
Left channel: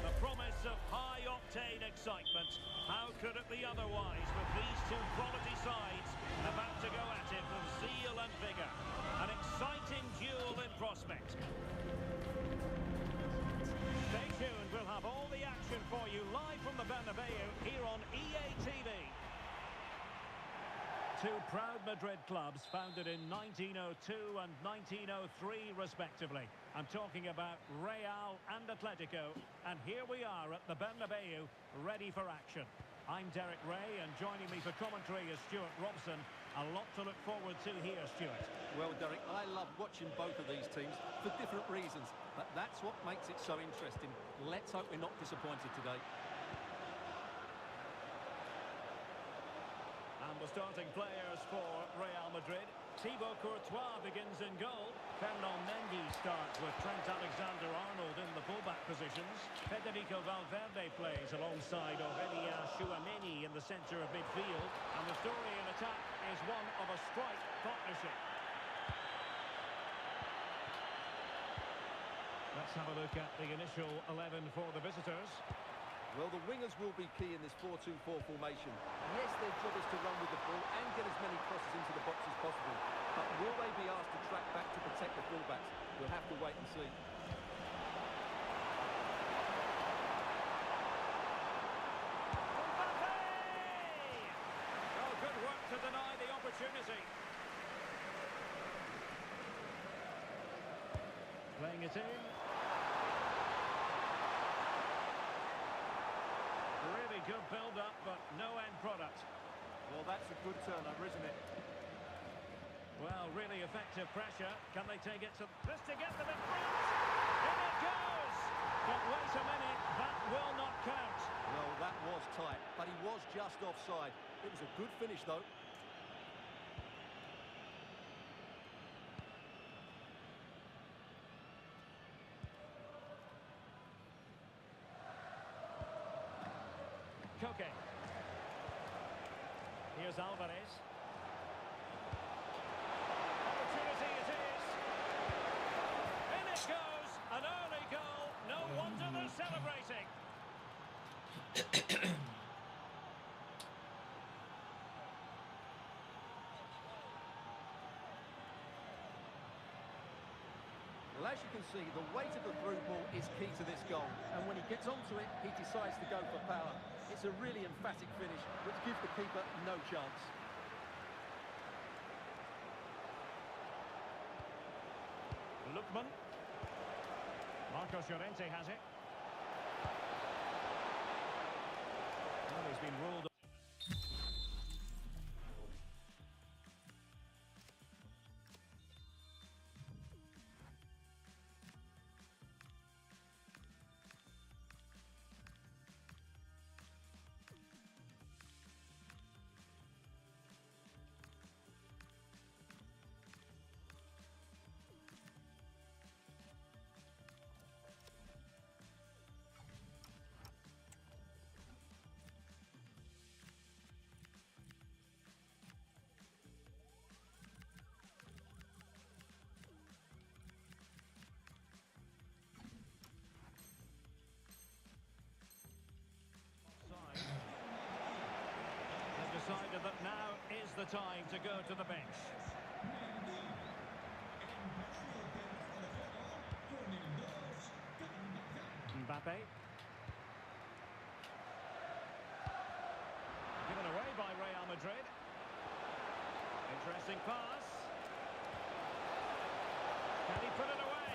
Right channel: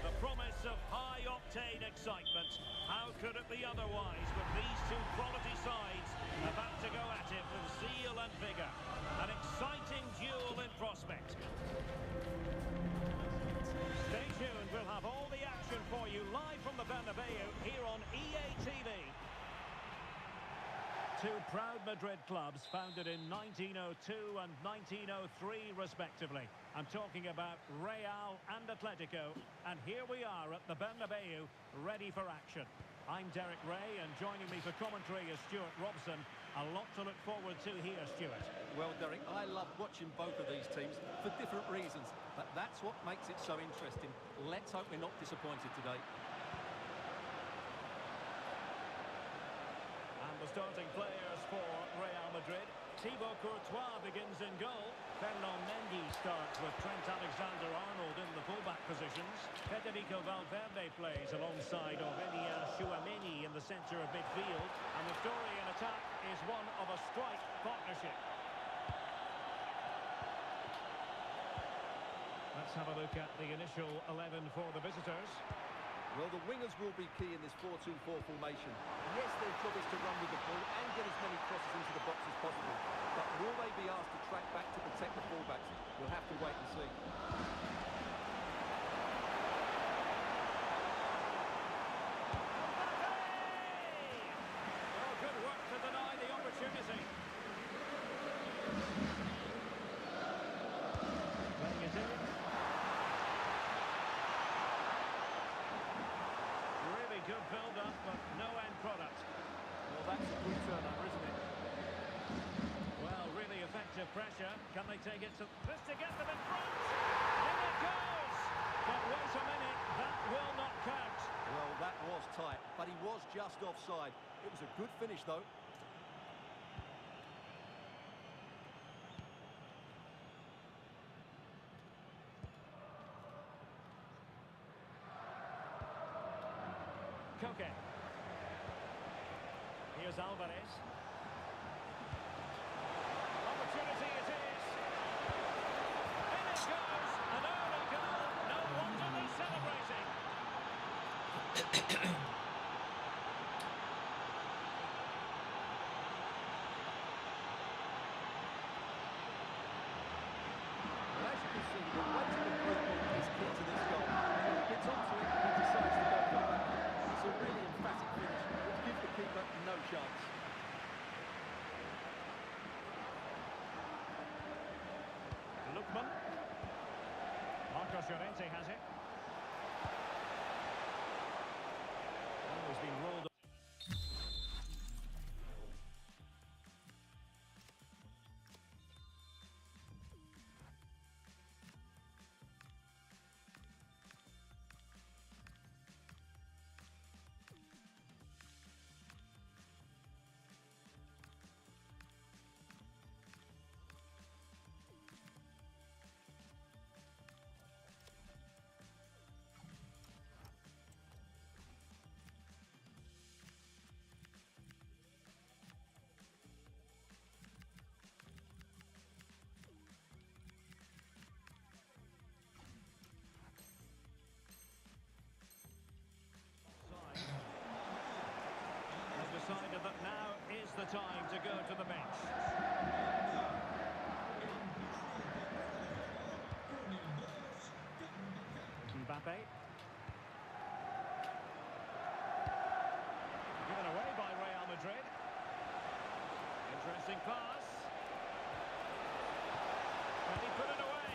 The promise of high-octane excitement. How could it be otherwise with these two quality sides about to go at it with zeal and vigour? An exciting duel in prospect. Stay tuned, we'll have all the action for you live from the Bernabeu here on EA TV. Two proud Madrid clubs founded in 1902 and 1903 respectively. I'm talking about Real and Atletico, and here we are at the Bernabeu, ready for action. I'm Derek Ray, and joining me for commentary is Stuart Robson. A lot to look forward to here, Stuart. Well, Derek, I love watching both of these teams for different reasons, but that's what makes it so interesting. Let's hope we're not disappointed today. And the starting players for Real Madrid. Thibaut Courtois begins in goal. Fernand Mendy starts with Trent Alexander-Arnold in the fullback positions. Federico Valverde plays alongside Aurelien Chouameni in the centre of midfield. And the story in attack is one of a strike partnership. Let's have a look at the initial 11 for the visitors. Well, the wingers will be key in this 4-2-4 formation. Yes, their job is to run with the ball and get as many crosses into the box as possible. But will they be asked to track back to protect the fullbacks? We'll have to wait and see. Oh, good work to deny the opportunity. Playing it in. Really good build-up, but no end product. Well, that's a good turnover, isn't it? Well, really effective pressure. Can they take it to this to get them in front? In it goes! But wait a minute, that will not count. Well, that was tight, but he was just offside. It was a good finish, though. Koke. Here's Alvarez. Opportunity it is. In it goes. An early goal. No wonder they're celebrating. Well, as you can see, the weight of the through ball is key to this goal. And when he gets onto it, he decides to go for power. It's a really emphatic finish, which gives the keeper no chance. Lookman. Marcos Llorente has it. Well, he's been ruled. They've decided that now is the time to go to the bench. Mbappe. Madrid. Interesting pass. Can he put it away?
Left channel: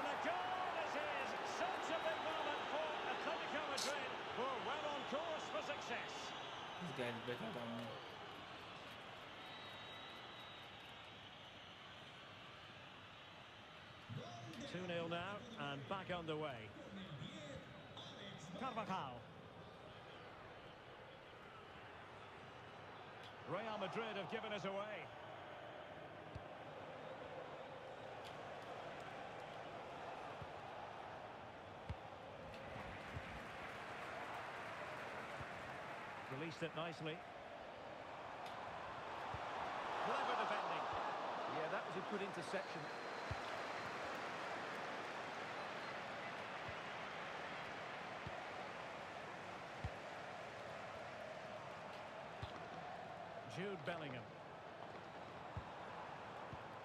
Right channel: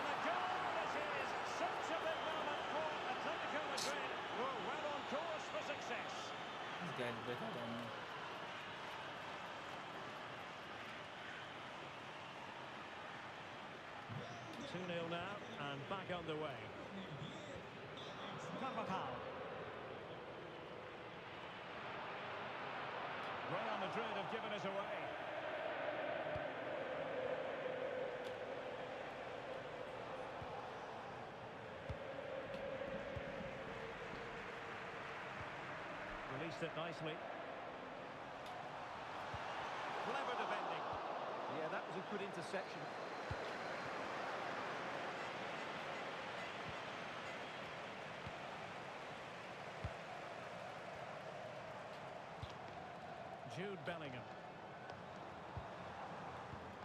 And the goal is his. Such a big moment for Atletico Madrid, who are well on course for success. This guy's better than me. Well, 2-0 now, and back underway. Carvajal. Real Madrid have given us away. Released it nicely. Clever defending. Yeah, that was a good interception. Jude Bellingham.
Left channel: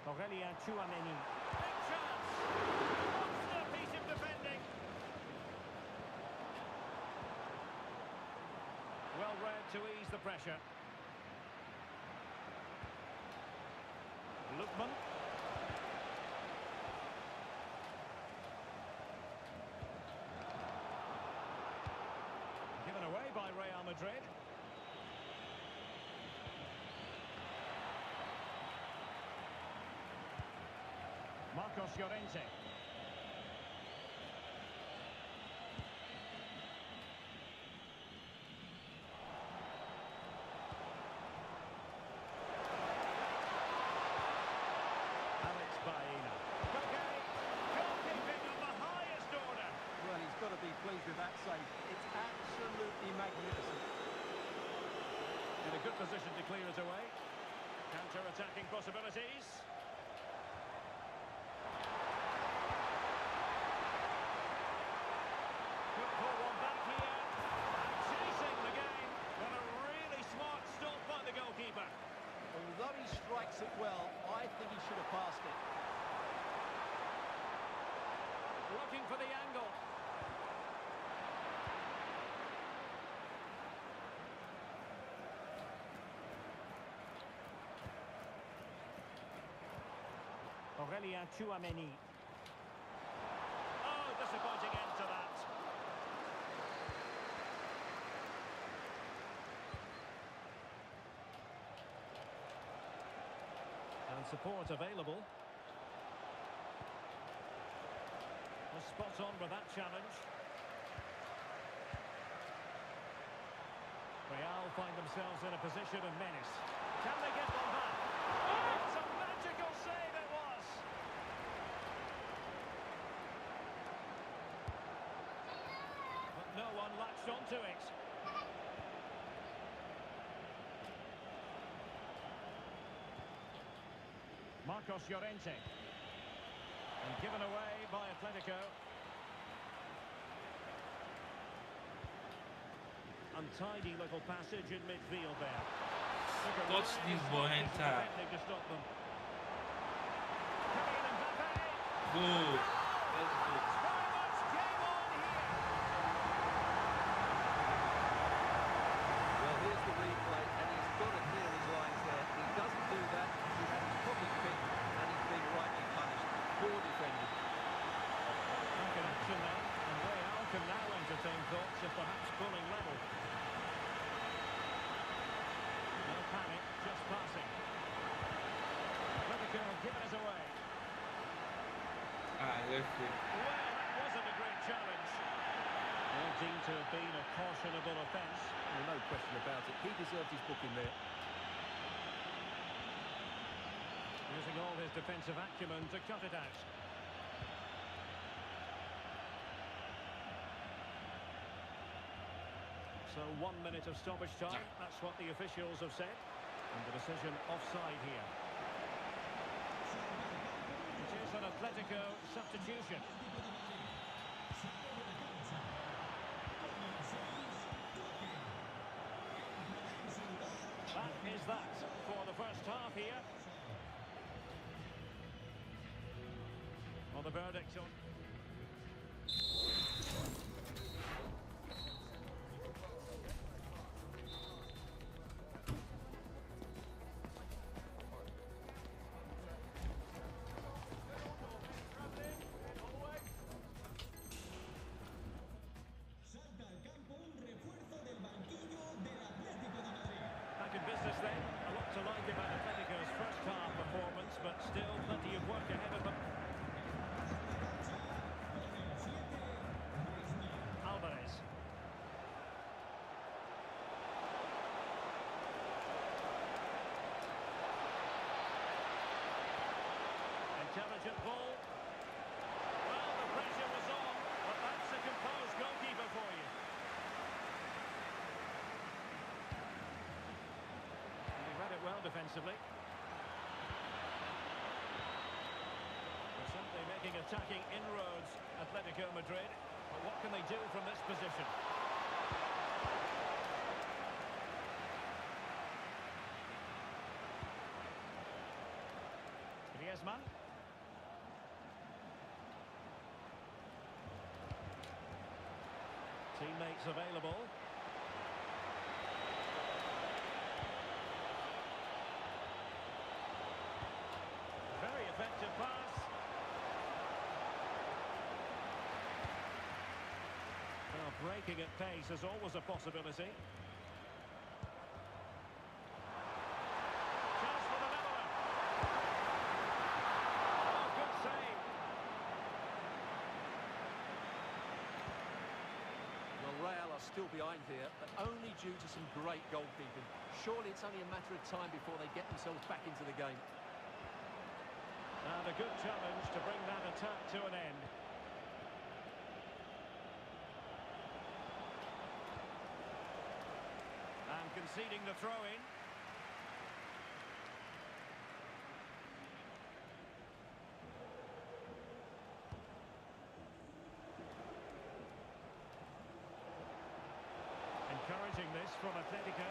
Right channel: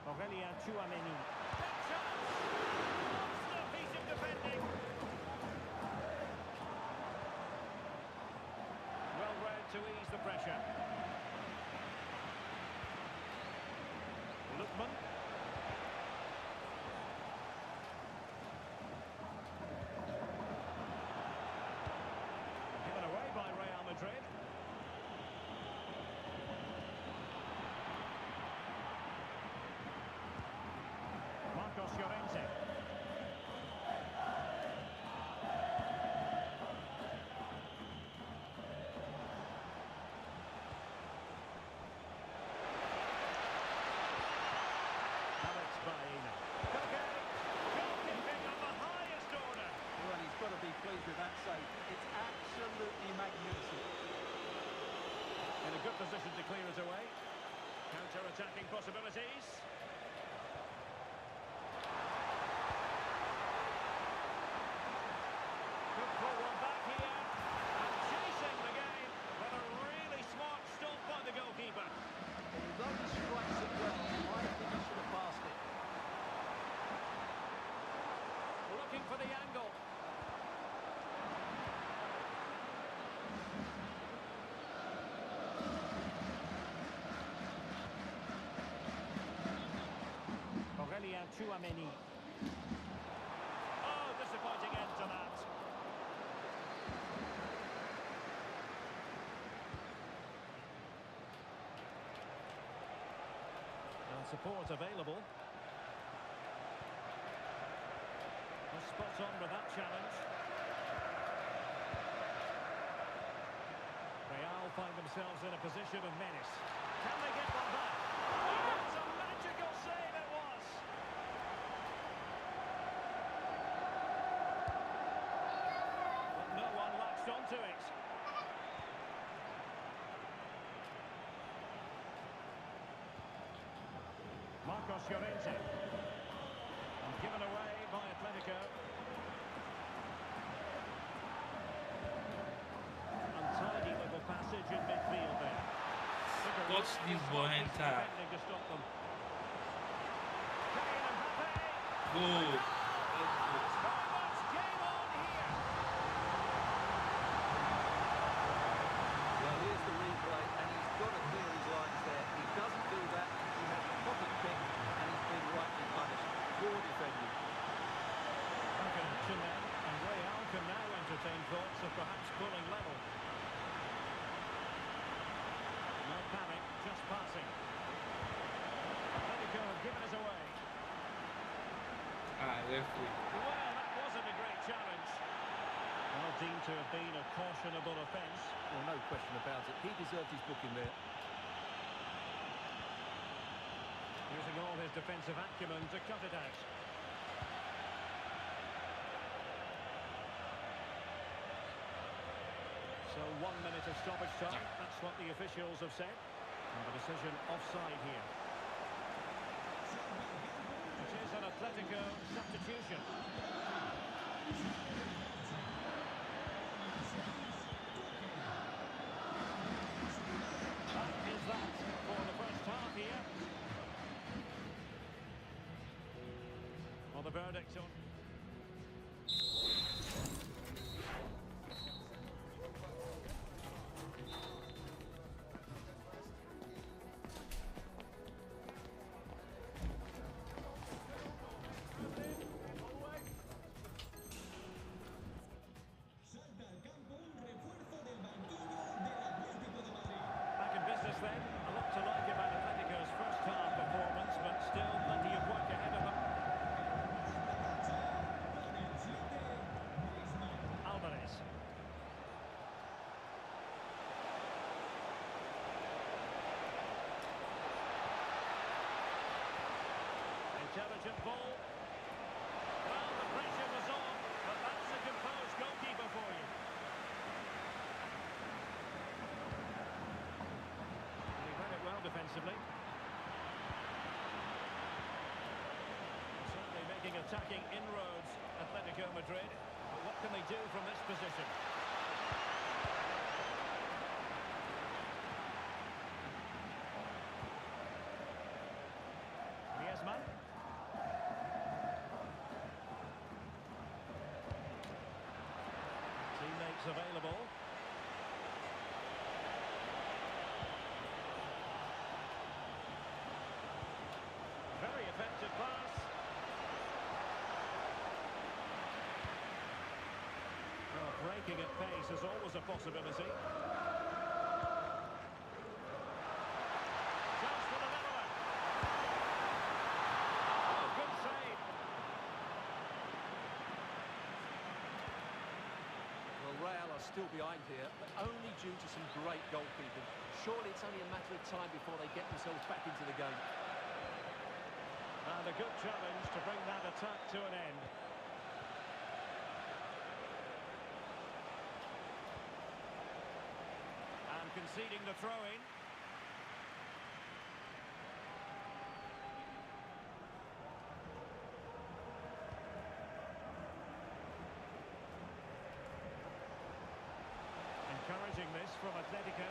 Aurelien Tchouameni. Big chance! Monster piece of defending. Well read to ease the pressure. Lookman. Given away by Real Madrid. Marcos Llorente. Alex Baena. Okay, goalkeeping of the highest order. Well, he's got to be pleased with that save. It's absolutely magnificent. In a good position to clear it away. Counter-attacking possibilities. Could pull one back here. And chasing the game. But a really smart stop by the goalkeeper. Although he strikes it well, I think he should have passed it. Looking for the angle. Aurelien Tchouameni. Oh, disappointing end to that. And support available. Was spot on with that challenge. Real find themselves in a position of menace. Can they get one back? Oh, it was a magical save it was. But no one latched onto it. Marcos Llorente. And given away by Atletico. Untidy little passage in midfield there. Took a Watch really this smart boy piece of enter. defending to stop them. Kylian Mbappe. Go. And Let's go. it's very much game on here. Well, here's the replay, and he's got to clear his lines there. He doesn't do that. He has his pocket picked, and he's been rightly punished. Poor defending. Back in action then, and Real can now entertain thoughts of perhaps pulling level. No panic, just passing. Atletico have given us away. Ah, referee. Well, that wasn't a great challenge. Well, deemed to have been a cautionable offence. Well, no question about it. He deserved his booking there. Using all his defensive acumen to cut it out. So 1 minute of stoppage time. That's what the officials have said. And the decision offside here. It is an Atletico substitution. That is that for the first half here. Well, the verdict on... intelligent ball. Well, the pressure was on, but that's a composed goalkeeper for you. And he read it well defensively. They're certainly making attacking inroads, Atletico Madrid. But what can they do from this position? Griezmann. Teammates available. Very effective pass. Well, breaking at pace is always a possibility. Chance for the leveller. Oh, good save. Well, Real are still behind here, but only due to some great goalkeeping. Surely it's only a matter of time before they get themselves back into the game. And a good challenge to bring that attack to an end. And conceding the throw-in. Encouraging this from Atletico.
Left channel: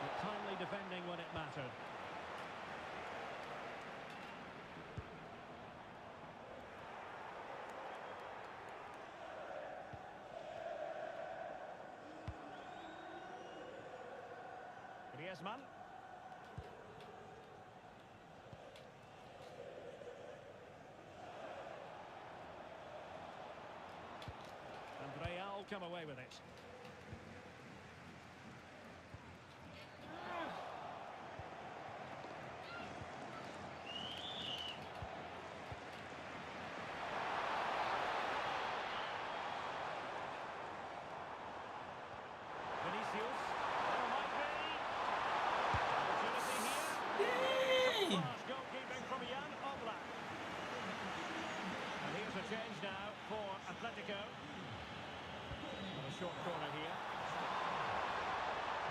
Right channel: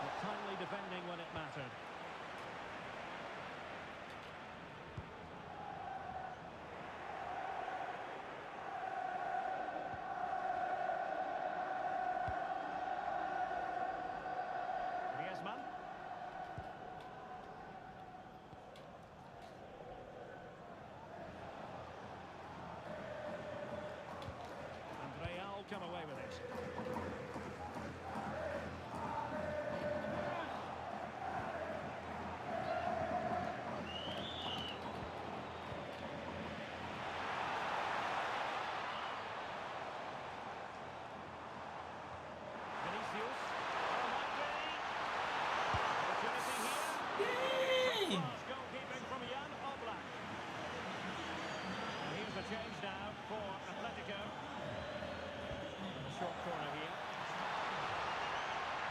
But timely defending when it mattered. Griezmann. And Real come away with it. Vinicius. Oh, might be. Opportunity here. Top-class goalkeeping from Jan Oblak. And here's a change now for Atletico. On a short corner here.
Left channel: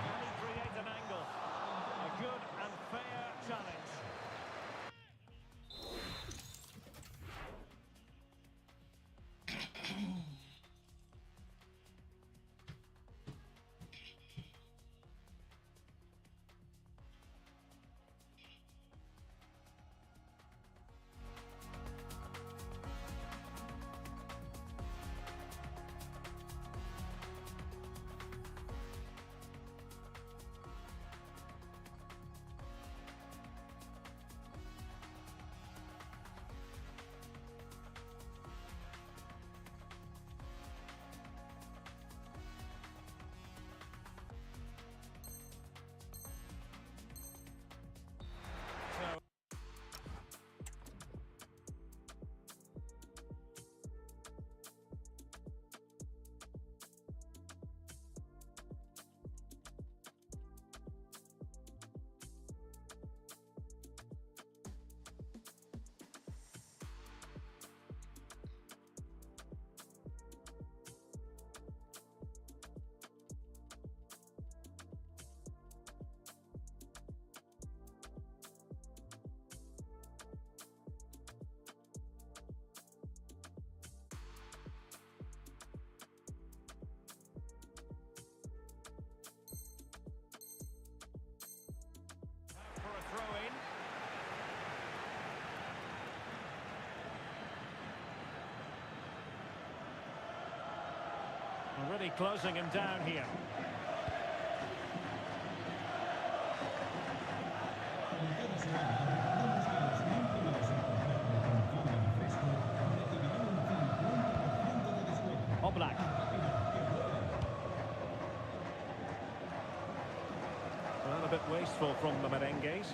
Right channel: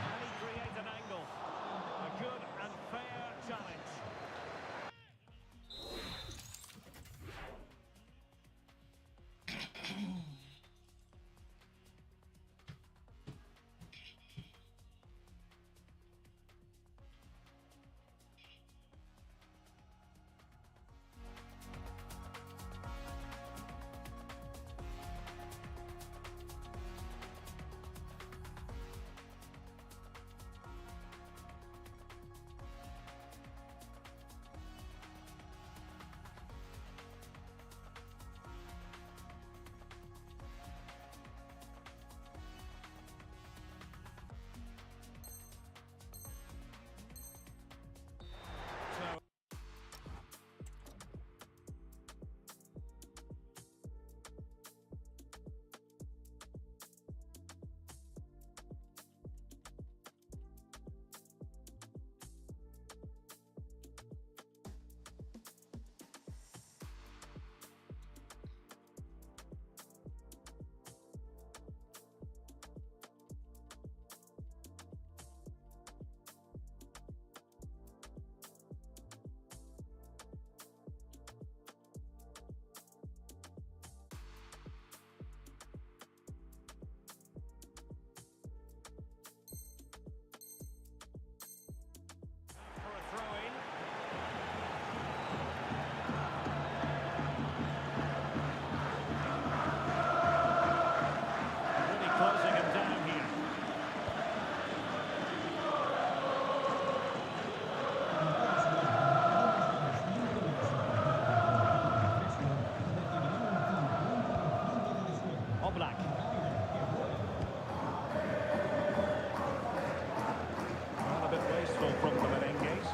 Can he create an angle? A good and fair challenge. So for a throw-in. And really closing him down here. Oblak. Well, a bit wasteful from the Merengues.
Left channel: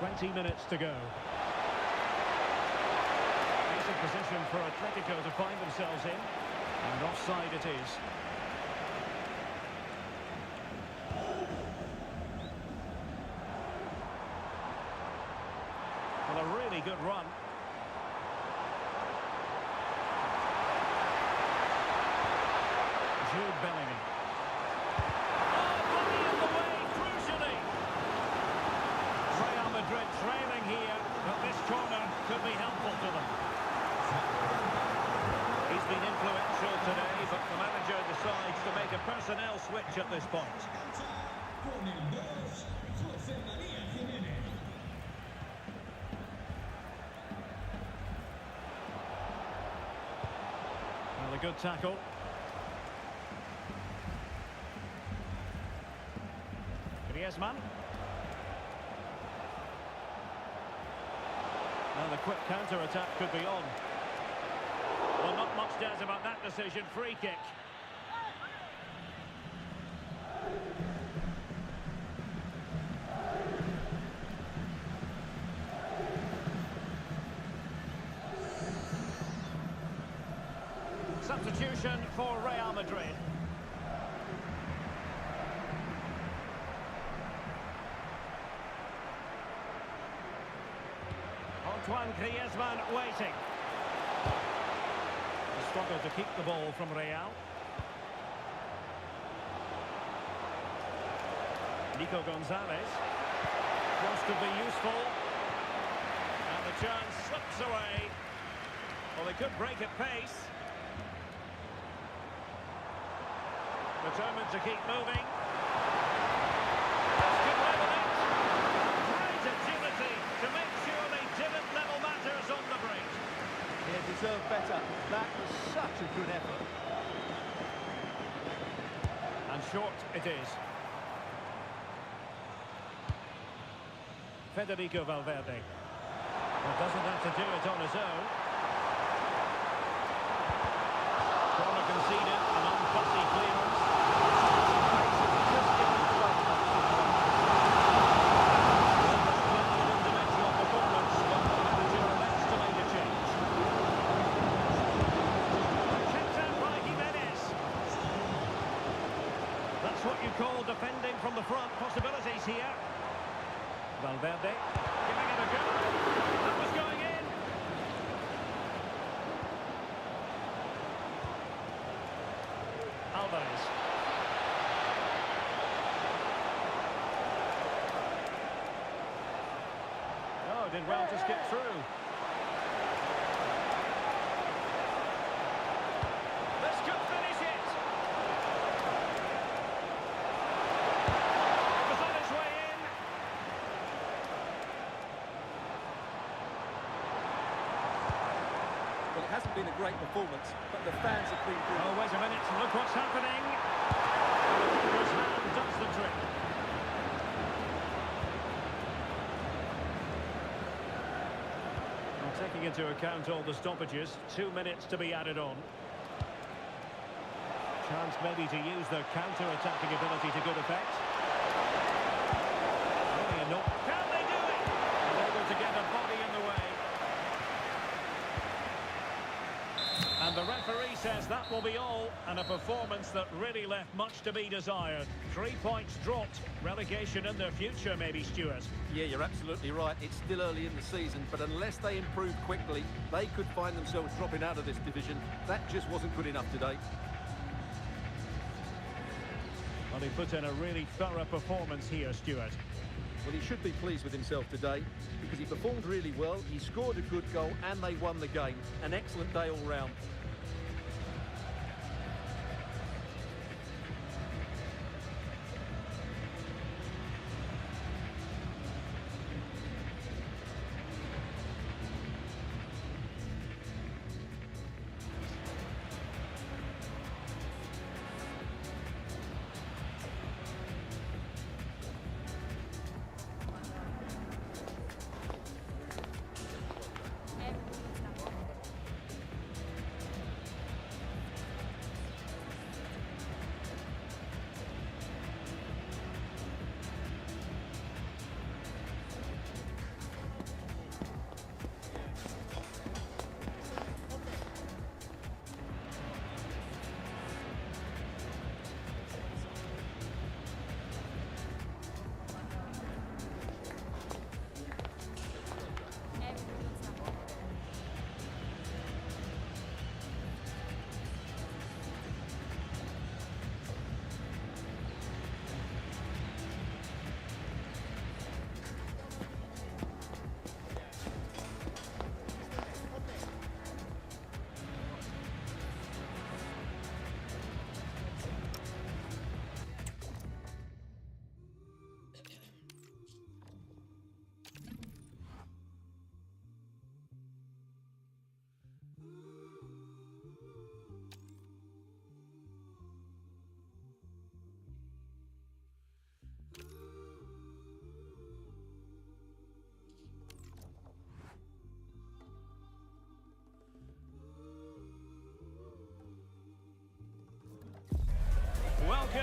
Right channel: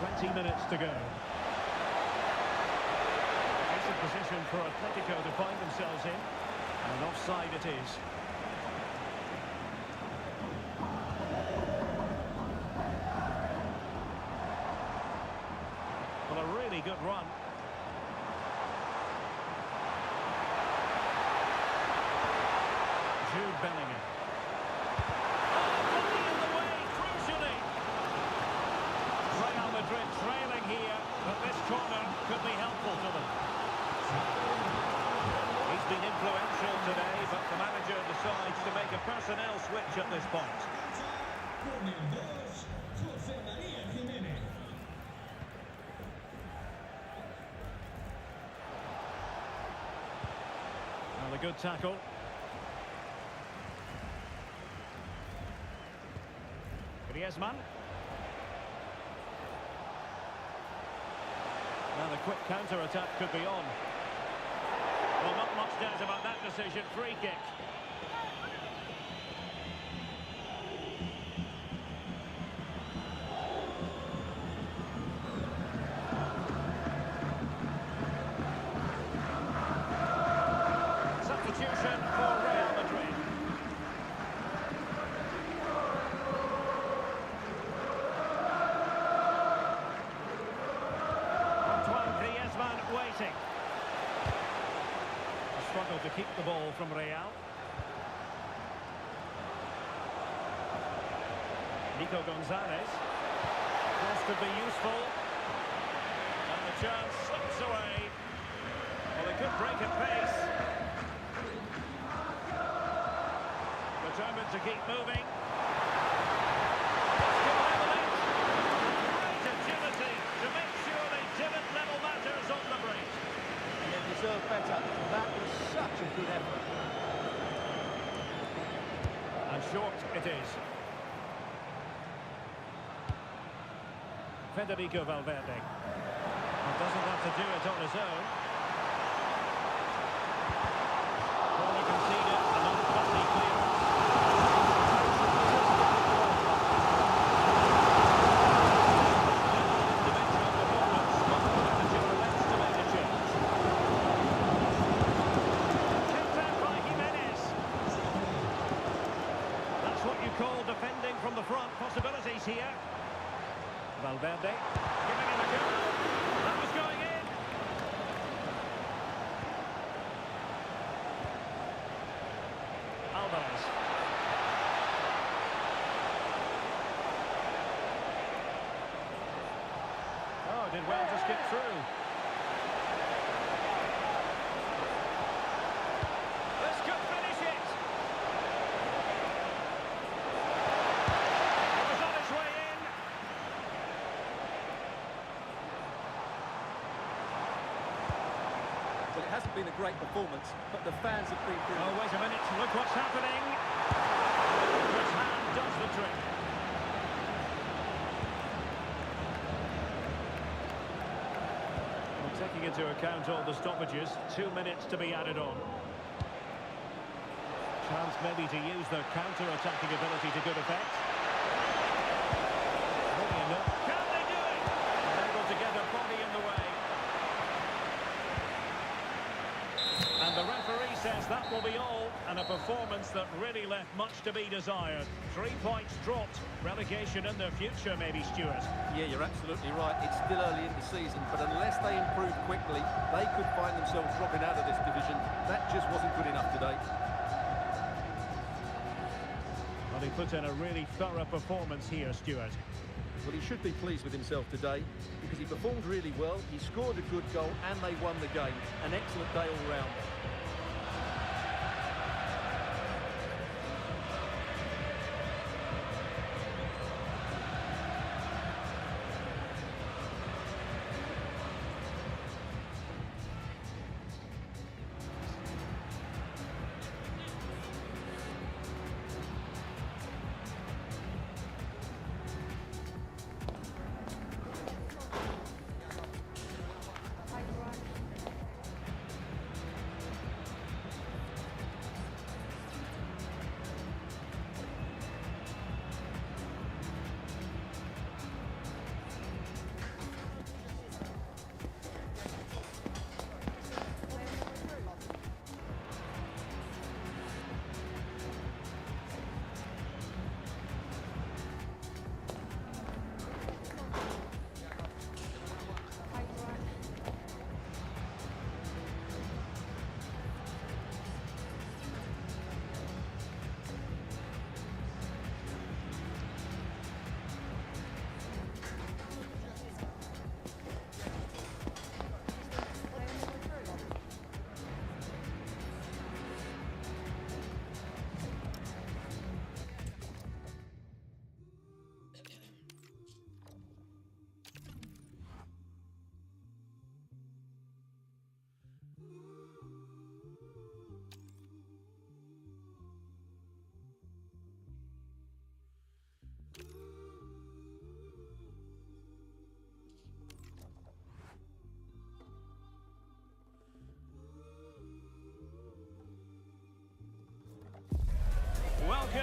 20 minutes to go. Decent position for Atletico to find themselves in. And offside it is. Well, a really good run. Jude Bellingham. Oh, body in the way, crucially. Real Madrid trailing here, but this corner could be helpful to them. He's been influential today, but the manager decides to make a personnel switch at this point. Con el 2, José María Jiménez. Well, a good tackle. Griezmann. Now the quick counter-attack could be on. Well, not much doubt about that decision. Free kick. Substitution for Real Madrid. Antoine Griezmann waiting. A struggle to keep the ball from Real. Nico Gonzalez. Cross could be useful. And the chance slips away. Well, they could break at pace. Determined to keep moving. This could level it. And great agility to make sure they didn't level matters on the break. Yeah, deserved better. That was such a good effort. And short it is. Federico Valverde. Well, doesn't have to do it on his own. Corner conceded, an unfussy clearance. Individual performance, but the manager elects to make a change. Kept out by Jimenez. That's what you call defending from the front. Possibilities here. Valverde giving it a go. That was going in. Alvarez. Oh, did well to skip through. This could finish it. It was on its way in. Well, it hasn't been a great performance, but the fans have been good. Oh, wait a minute, look what's happening. And the keeper's hand does the trick. Well, taking into account all the stoppages, 2 minutes to be added on. Chance maybe to use their counter-attacking ability to good effect. Really enough. Can they do it? And able to get a body in the way. And the referee says that will be all, and a performance that really left much to be desired. 3 points dropped, relegation in their future maybe, Stuart. Yeah, you're absolutely right. It's still early in the season, but unless they improve quickly, they could find themselves dropping out of this division. That just wasn't good enough today. Well, he put in a really thorough performance here, Stuart. Well, he should be pleased with himself today because he performed really well, he scored a good goal, and they won the game. An excellent day all round.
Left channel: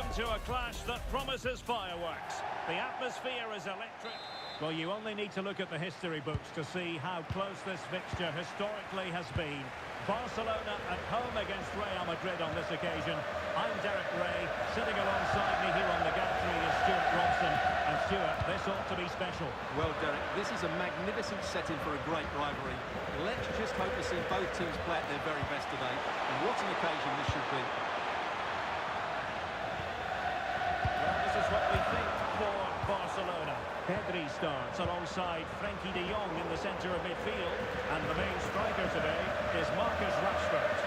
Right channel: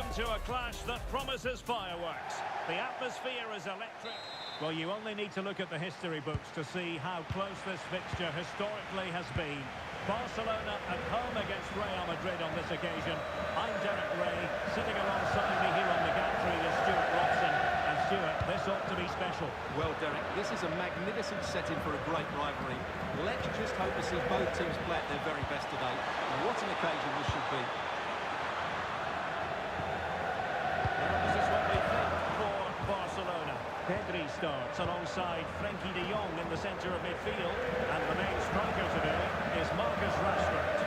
into a clash that promises fireworks. The atmosphere is electric. Well, you only need to look at the history books to see how close this fixture historically has been. Barcelona at home against Real Madrid on this occasion. I'm Derek Ray. Sitting alongside me here on the gantry is Stuart Robson. And Stuart, this ought to be special. Well, Derek, this is a magnificent setting for a great rivalry. Let's just hope to see both teams play at their very best today. What an occasion this should be. Well, this is what we think for Barcelona. Pedri starts alongside Frenkie de Jong in the centre of midfield. And the main striker today is Marcus Rashford.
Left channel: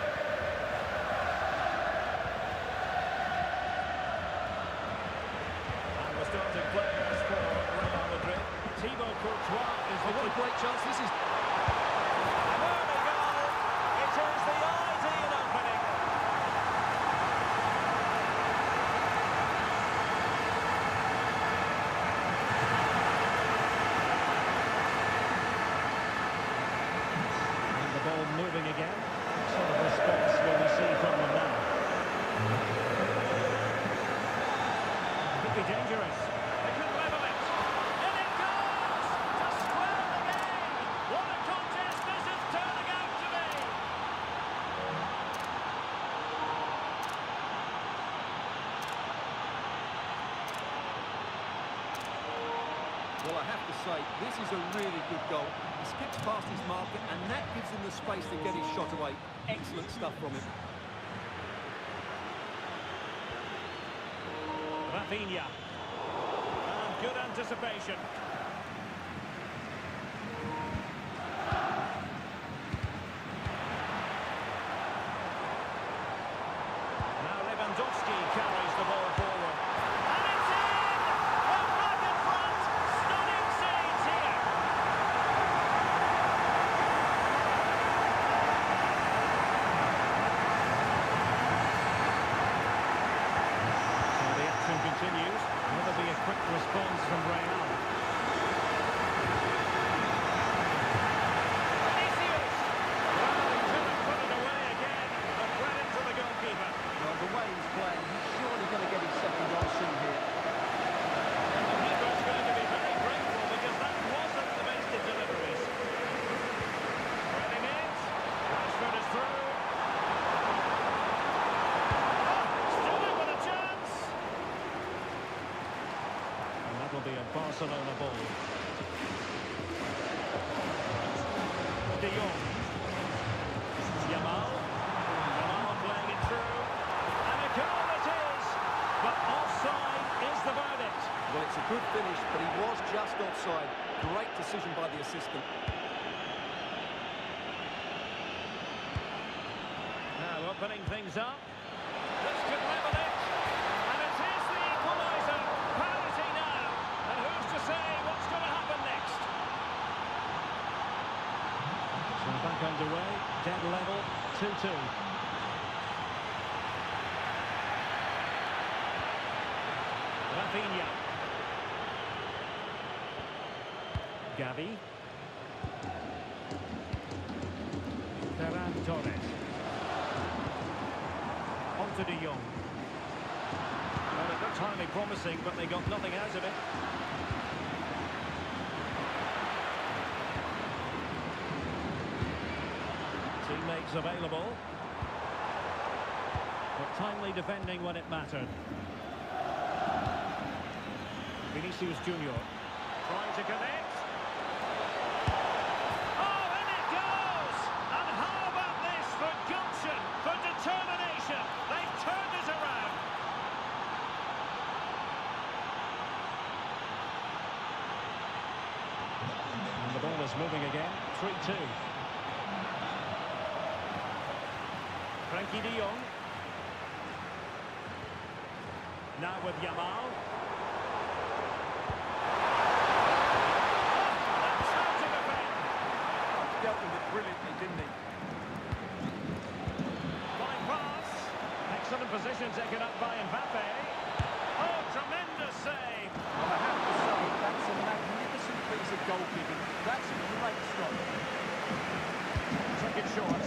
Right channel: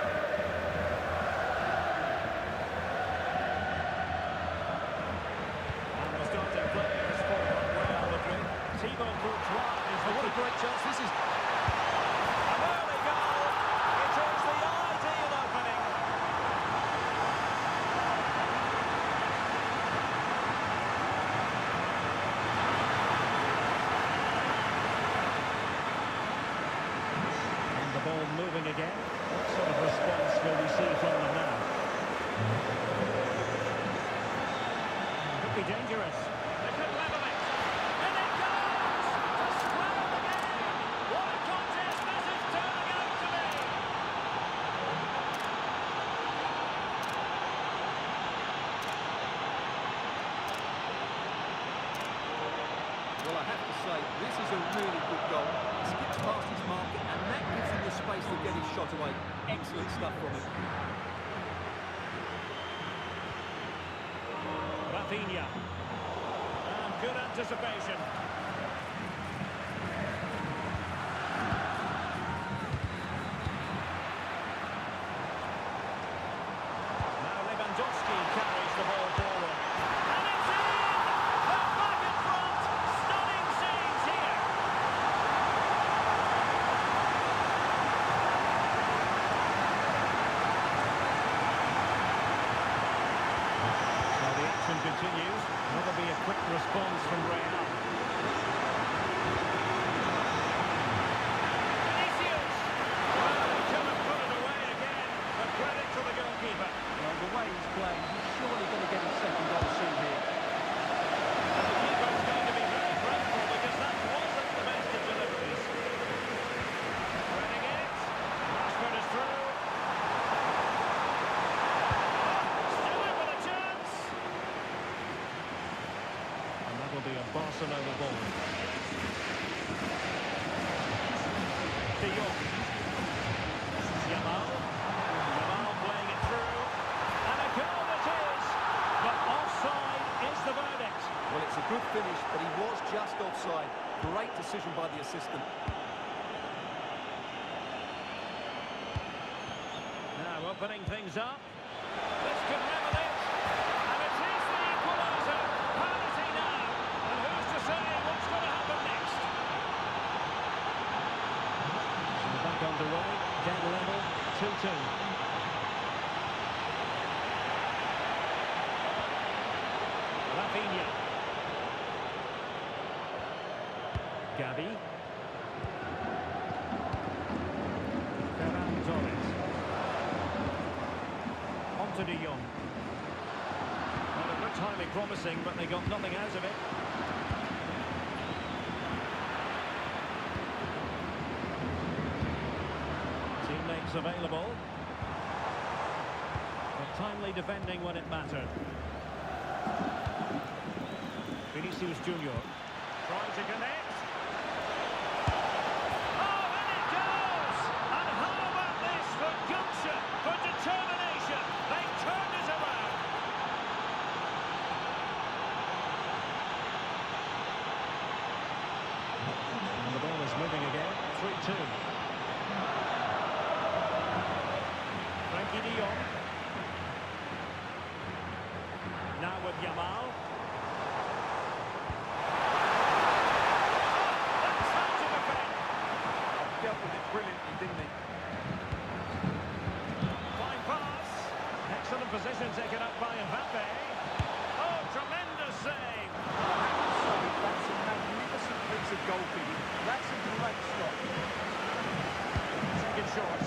And the starting players for Real Madrid. Thibaut Courtois is the What a great chance this is. An early goal. It is the ideal opening. And the ball moving again. What sort of response will we see from them now? Could be dangerous. They could level it. And it goes to square the game. What a contest this is turning out to be. Well, I have to say, this is a really good goal. He skips past his marker, and that gives him the space to get his shot away. Excellent stuff from him. Rafinha. And good anticipation. Now Lewandowski carries the ball forward. And it's in! They're back in front! Stunning scenes here! So the action continues. Will there be a quick response from Real? Vinicius! Well, he could have put it away again, but credit to the goalkeeper. Well, the way he's playing, he's surely going to get his second goal soon here. And the keeper's going to be very grateful because that wasn't the best of deliveries. Spreading it. Rashford is through. Still in with a chance. And that will be a Barcelona ball. De Jong. Yamal. Yamal playing it through. And a goal it is. But offside is the verdict. Well, it's a good finish, but he was just offside. Great decision by the assistant. Now opening things up. This could level it. And it is the equaliser. Parity now. And who's to say what's going to happen next? So back underway. Dead level. 2-2. Rafinha. Gavi. Ferran Torres. On to De Jong. Well, it looked highly promising, but they got nothing out of it. Teammates available. But timely defending when it mattered. Vinicius Junior trying to connect. Oh, and it goes! And how about this for gumption, for determination? They've turned it around. And the ball is moving again. 3-2. Frenkie de Jong. Now with Yamal. Dealt with it brilliantly, didn't he? Fine pass. Excellent position taken up by Mbappe. Oh, tremendous save. Well, I have to say, that's a magnificent piece of goalkeeping. That's a great stop. Taken short.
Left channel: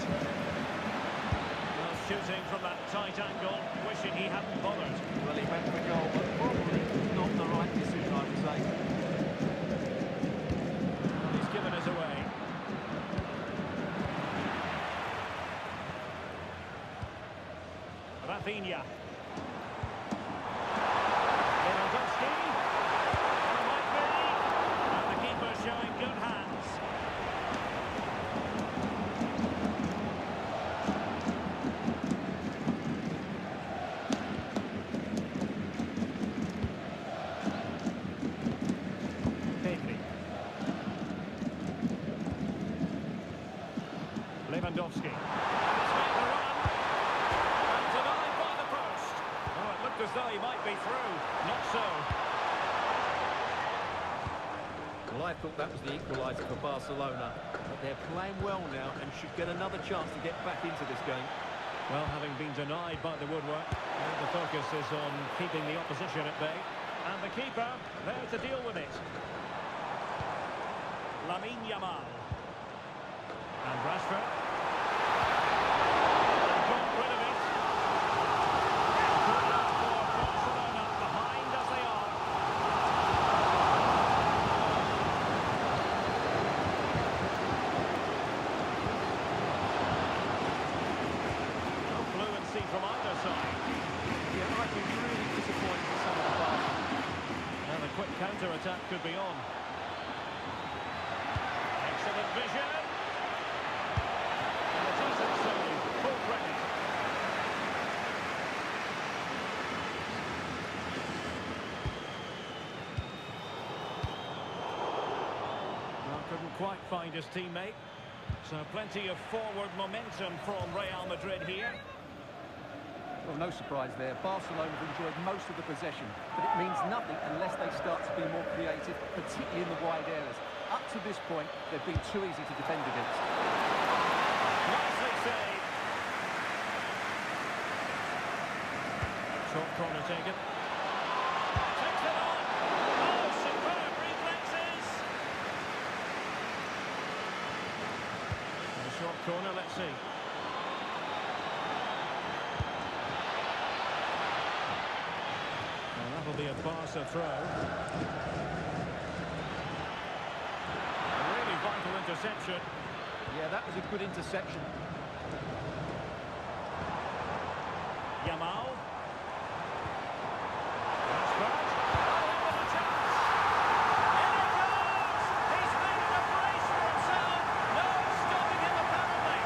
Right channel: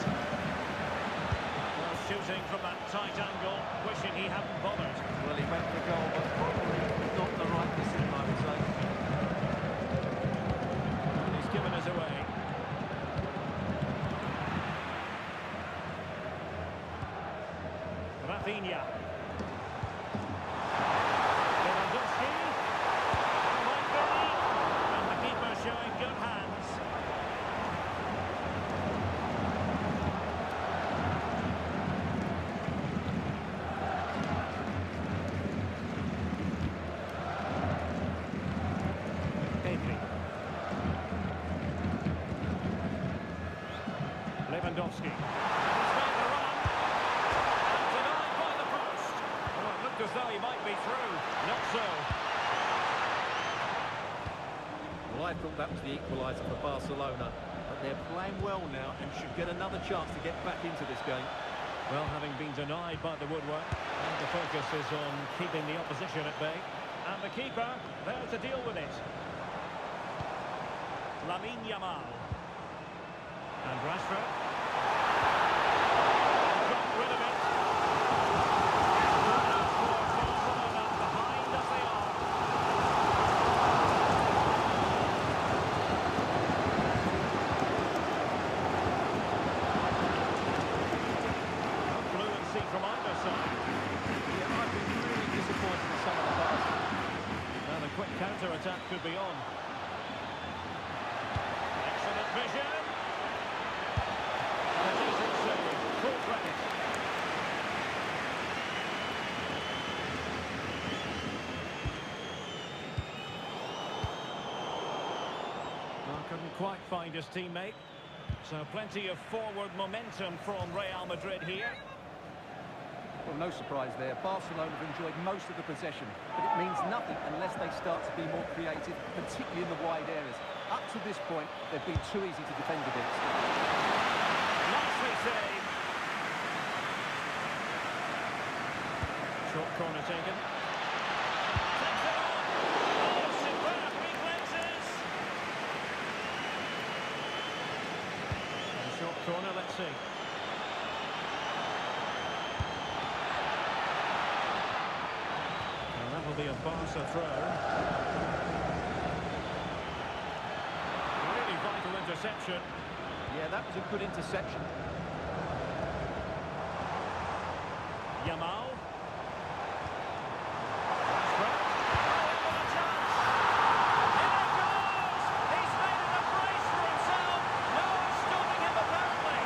Well, shooting from that tight angle, wishing he hadn't bothered. Well, he went for goal, but probably not the right decision, I would say. And he's given us away. Rafinha. Lewandowski. Well, might be. And the keeper showing good hands. Pedri. Lewandowski. And he's made the run. And denied by the post. Oh, it looked as though he might be through. Not so. Well, I thought that was the equaliser for Barcelona, but they're playing well now and should get another chance to get back into this game. Well, having been denied by the woodwork, and the focus is on keeping the opposition at bay. And the keeper there to deal with it. Lamine Yamal. And Rashford. And got rid of it. Corner for Barcelona, behind as they are. No fluency from either side. Yeah, I've been really disappointed with some of the passing. Now the quick counter-attack could be on. Excellent vision. And a decent save. Full credit. Well, couldn't quite find his teammate. So plenty of forward momentum from Real Madrid here. Well, no surprise there. Barcelona have enjoyed most of the possession, but it means nothing unless they start to be more creative, particularly in the wide areas. Up to this point, they've been too easy to defend against. Nicely saved. Short corner taken. Takes it on. Oh, superb reflexes. And a short corner, let's see. Well, that'll be a Barca throw. A really vital interception. Yeah, that was a good interception. Yamal. Rashford. Oh, what a chance! In it goes! He's made it a brace for himself. No stopping him, apparently.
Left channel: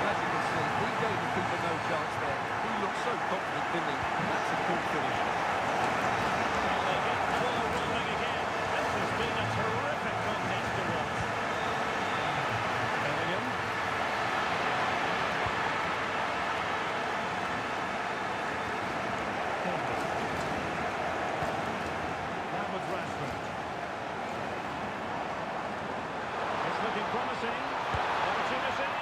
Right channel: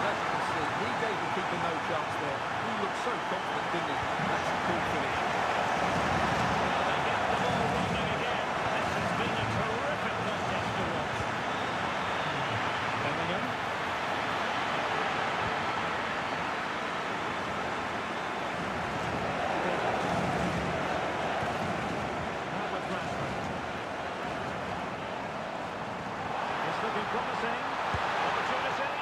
Well, as you can see, he gave the keeper no chance there. He looked so confident, didn't he? That's a cool finish. Well, they get the ball rolling again. This has been a terrific contest to watch. Bellingham. Pedri. Now with Rashford. It's looking promising. Opportunity.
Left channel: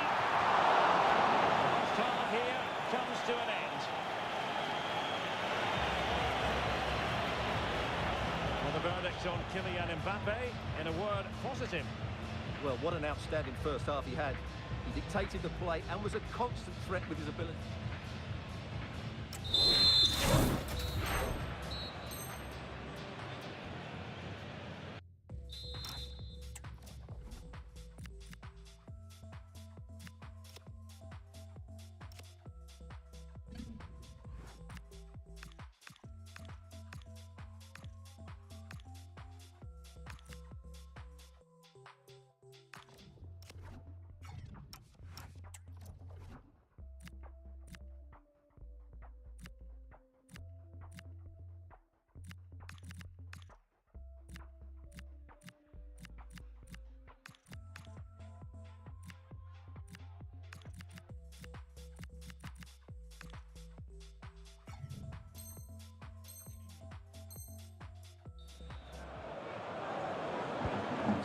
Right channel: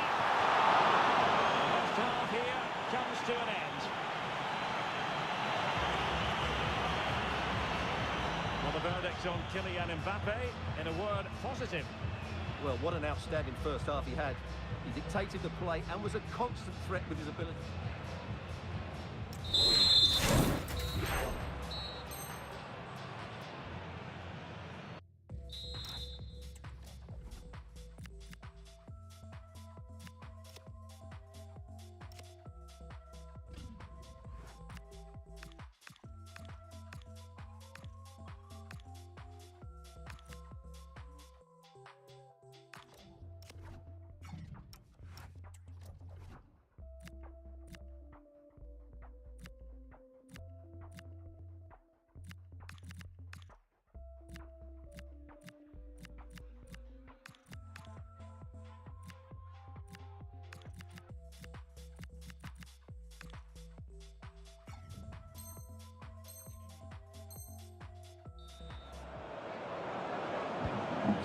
The first half here comes to an end. Well, the verdict on Kylian Mbappe, in a word, positive. Well, what an outstanding first half he had. He dictated the play and was a constant threat with his ability.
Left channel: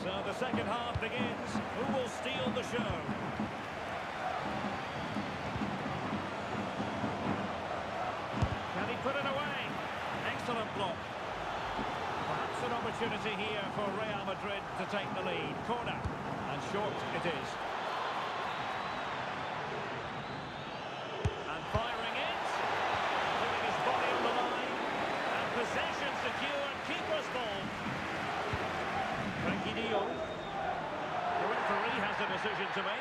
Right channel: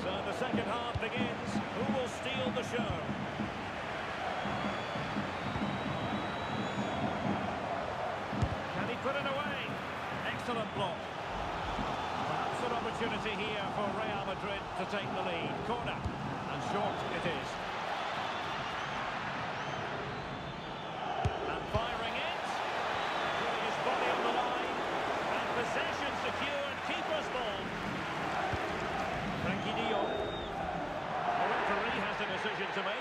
So the second half begins. Who will steal the show? Can he put it away? Excellent block. Perhaps an opportunity here for Real Madrid to take the lead. Corner. And short it is. a decision to make.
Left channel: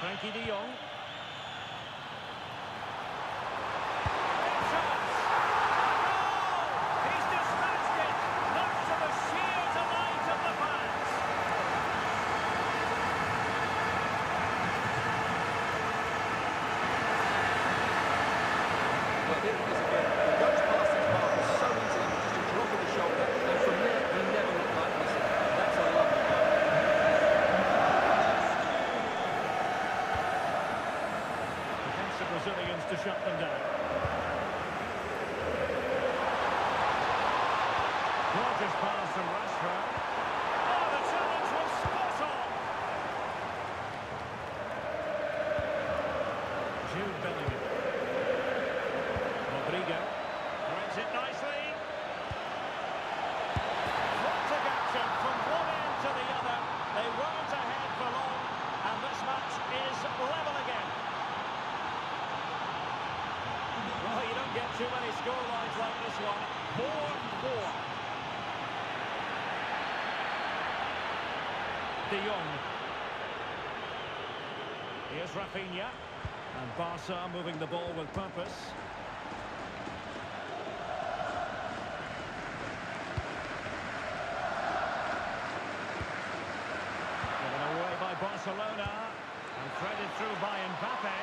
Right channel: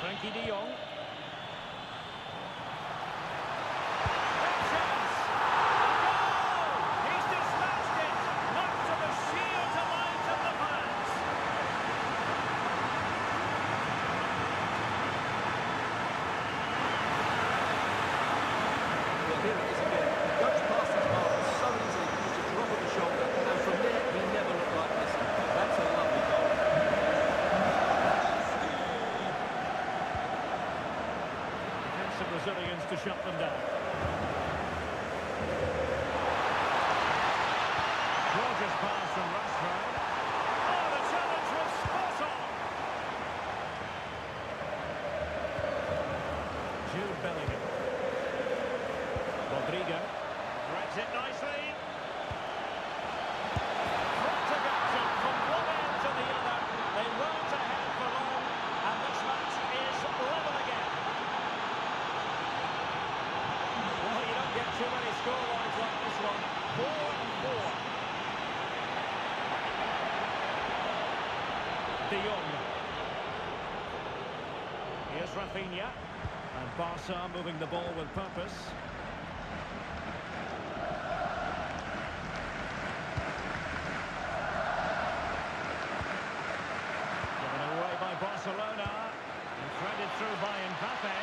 Frankie de Jong. Big chance. A goal! He's dispatched it, much to the sheer delight of the fans. Well, here it is again. He goes past his marker so easily with just a drop of the shoulder, and from there, he never looked like missing. That's a lovely goal. The Brazilians to shut them down. Gorgeous pass from Restream. Oh, the challenge was spot on. Jude Bellingham. Rodrigo threads it nicely. Frantic action from one end to the other. They weren't ahead for long, and this match is level again. Well, you don't get too many scorelines like this one. 4-4. De Jong. Here's Rafinha. And Barca moving the ball with purpose. Given away by Barcelona. And threaded through by Mbappe.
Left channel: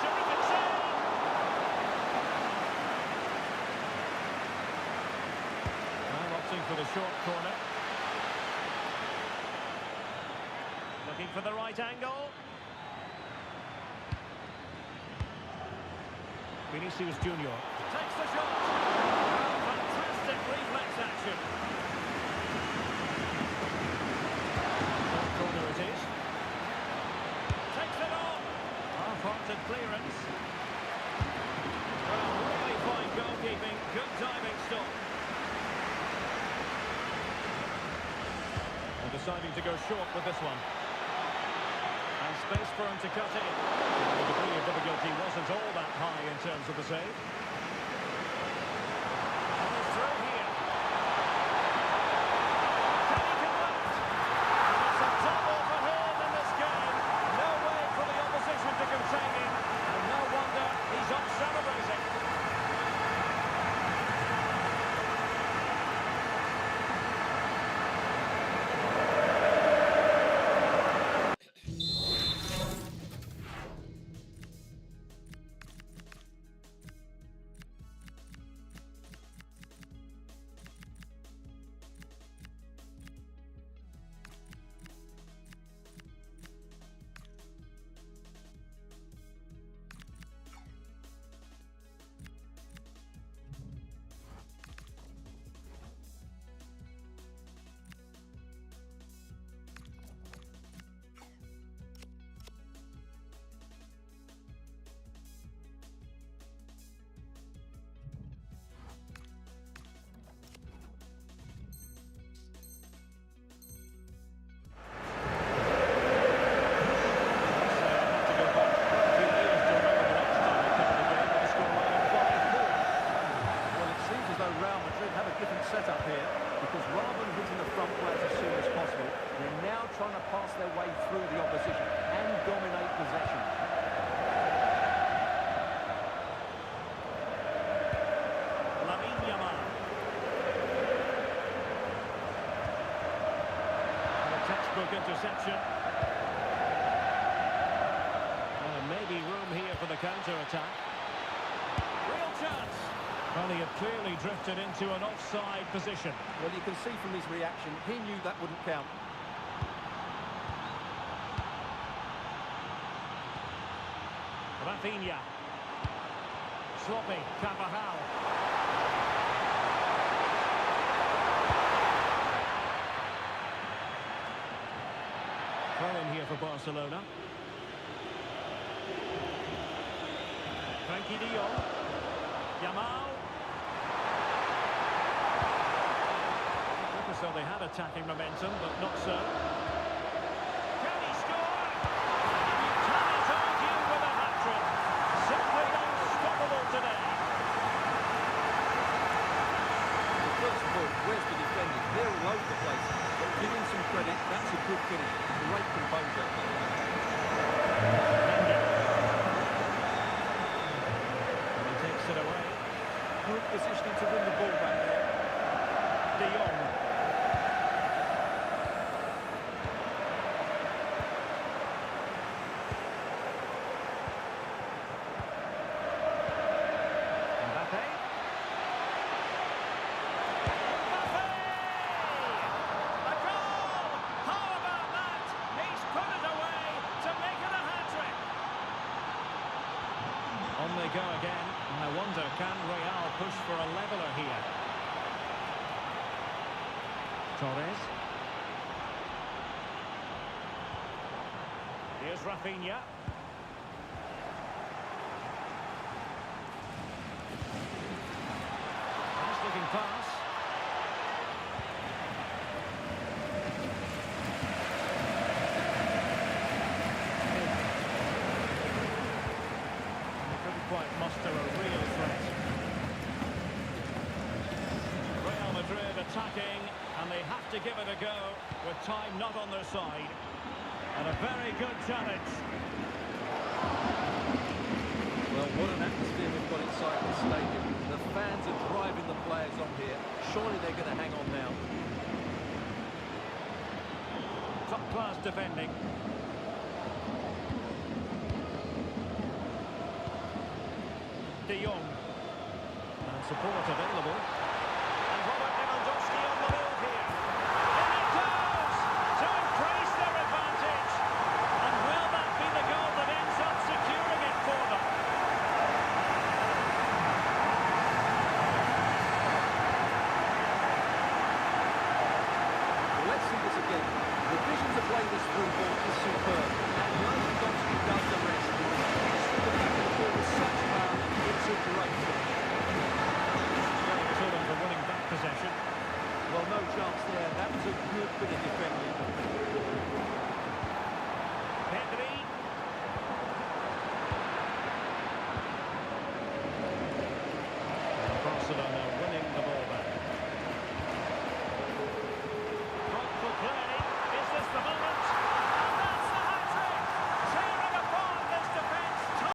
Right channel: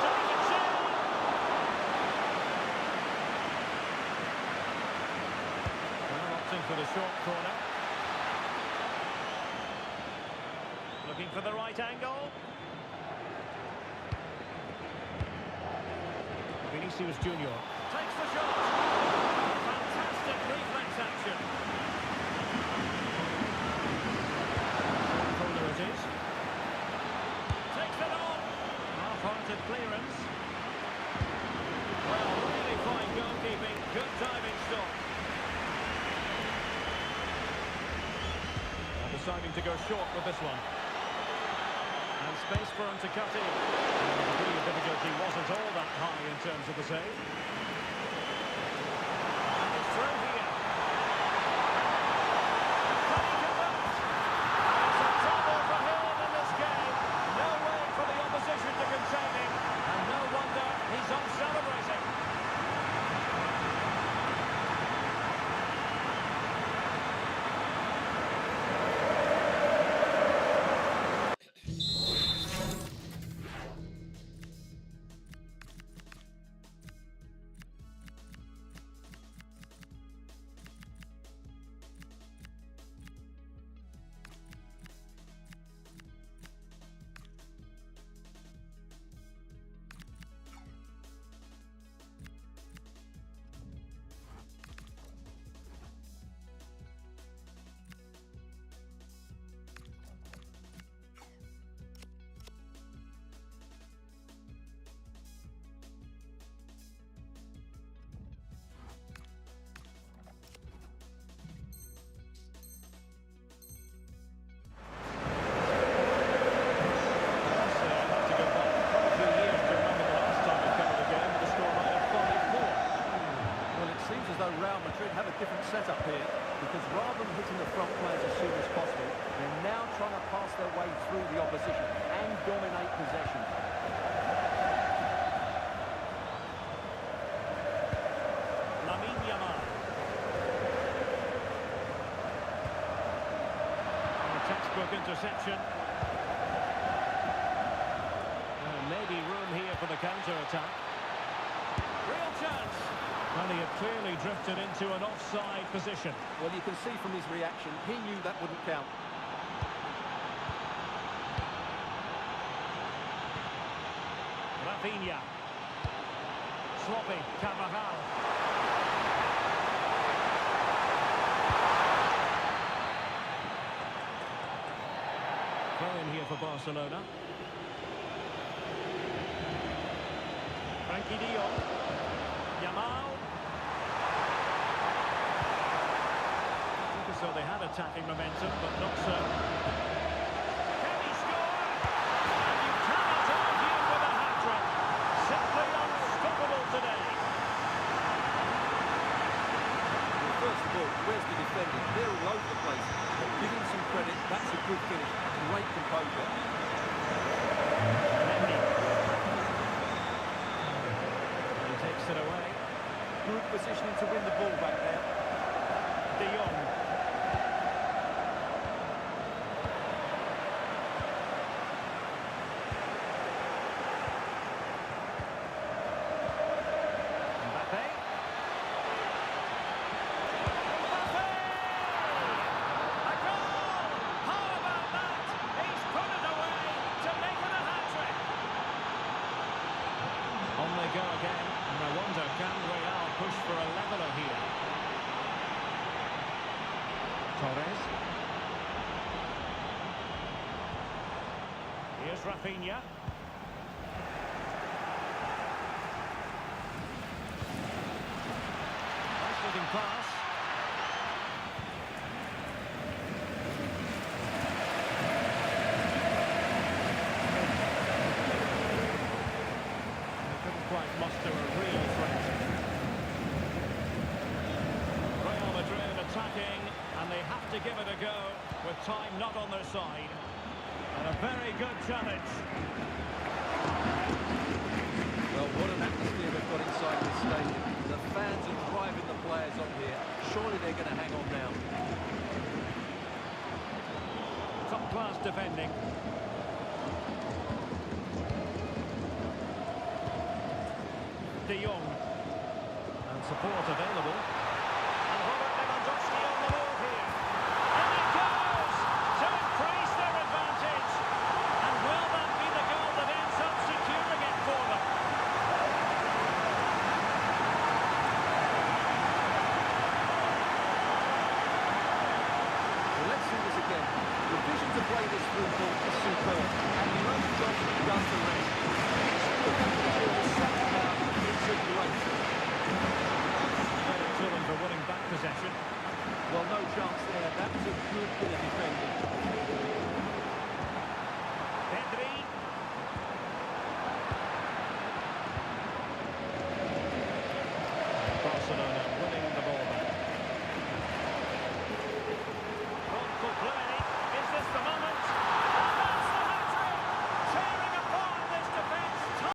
Terrific save! Well, opting for the short corner. Looking for the right angle. Vinicius Junior takes the shot. Oh, fantastic reflex action. Short corner it is. Takes it on. Half-hearted clearance. Well, really fine goalkeeping. Good diving stop. And deciding to go short with this one. And space for him to cut in. And the degree of difficulty wasn't all that high in terms of the save. And he's through here. Can he convert? And it's a double for him in this game. No way for the opposition to contain him, and no wonder he's off celebrating. Real Madrid have a different setup here because rather than hitting the front players as soon as possible, they're now trying to pass their way through the opposition and dominate possession. Lamine Yamal. And a textbook interception. Maybe room here for the counter-attack. Real chance. Well, he had clearly drifted into an offside position. Well, you can see from his reaction, he knew that wouldn't count. Rafinha. Sloppy. Carvajal. Throw in here for Barcelona. Frankie de Jong. Yamal. Look as though they had attacking momentum, but not so. Can he score? And you cannot argue with That's a good finish. Great composure. Mendy. And he takes it away. Good positioning to win the ball back there. De Jong. Mbappe. Mbappe! A goal! How about that? He's put it away to make it a hat-trick. On they go again, and I wonder, can Real push for a leveller here? Torres. Here's Rafinha. Nice looking pass. They couldn't quite muster a real threat. Real Madrid attacking, and they have to give it a go with time not on their side. And a very good challenge. Well, what an atmosphere we've got inside this stadium. The fans are driving the players on here. Surely they're going to hang on now. Top class defending. De Jong. And support available. And Robert Lewandowski on the move here. In it goes to increase their advantage. And will that be the goal that ends up securing it for them? Well, let's see this again. The vision to play this through ball is superb. And Lewandowski does the rest. Hits through the back of the ball with such power. It's a great finish. Credit to them for winning back possession. Well, no chance there. That was a good bit of defending. Pedri. And Barcelona winning the ball back. Thoughtful play. Is this the moment?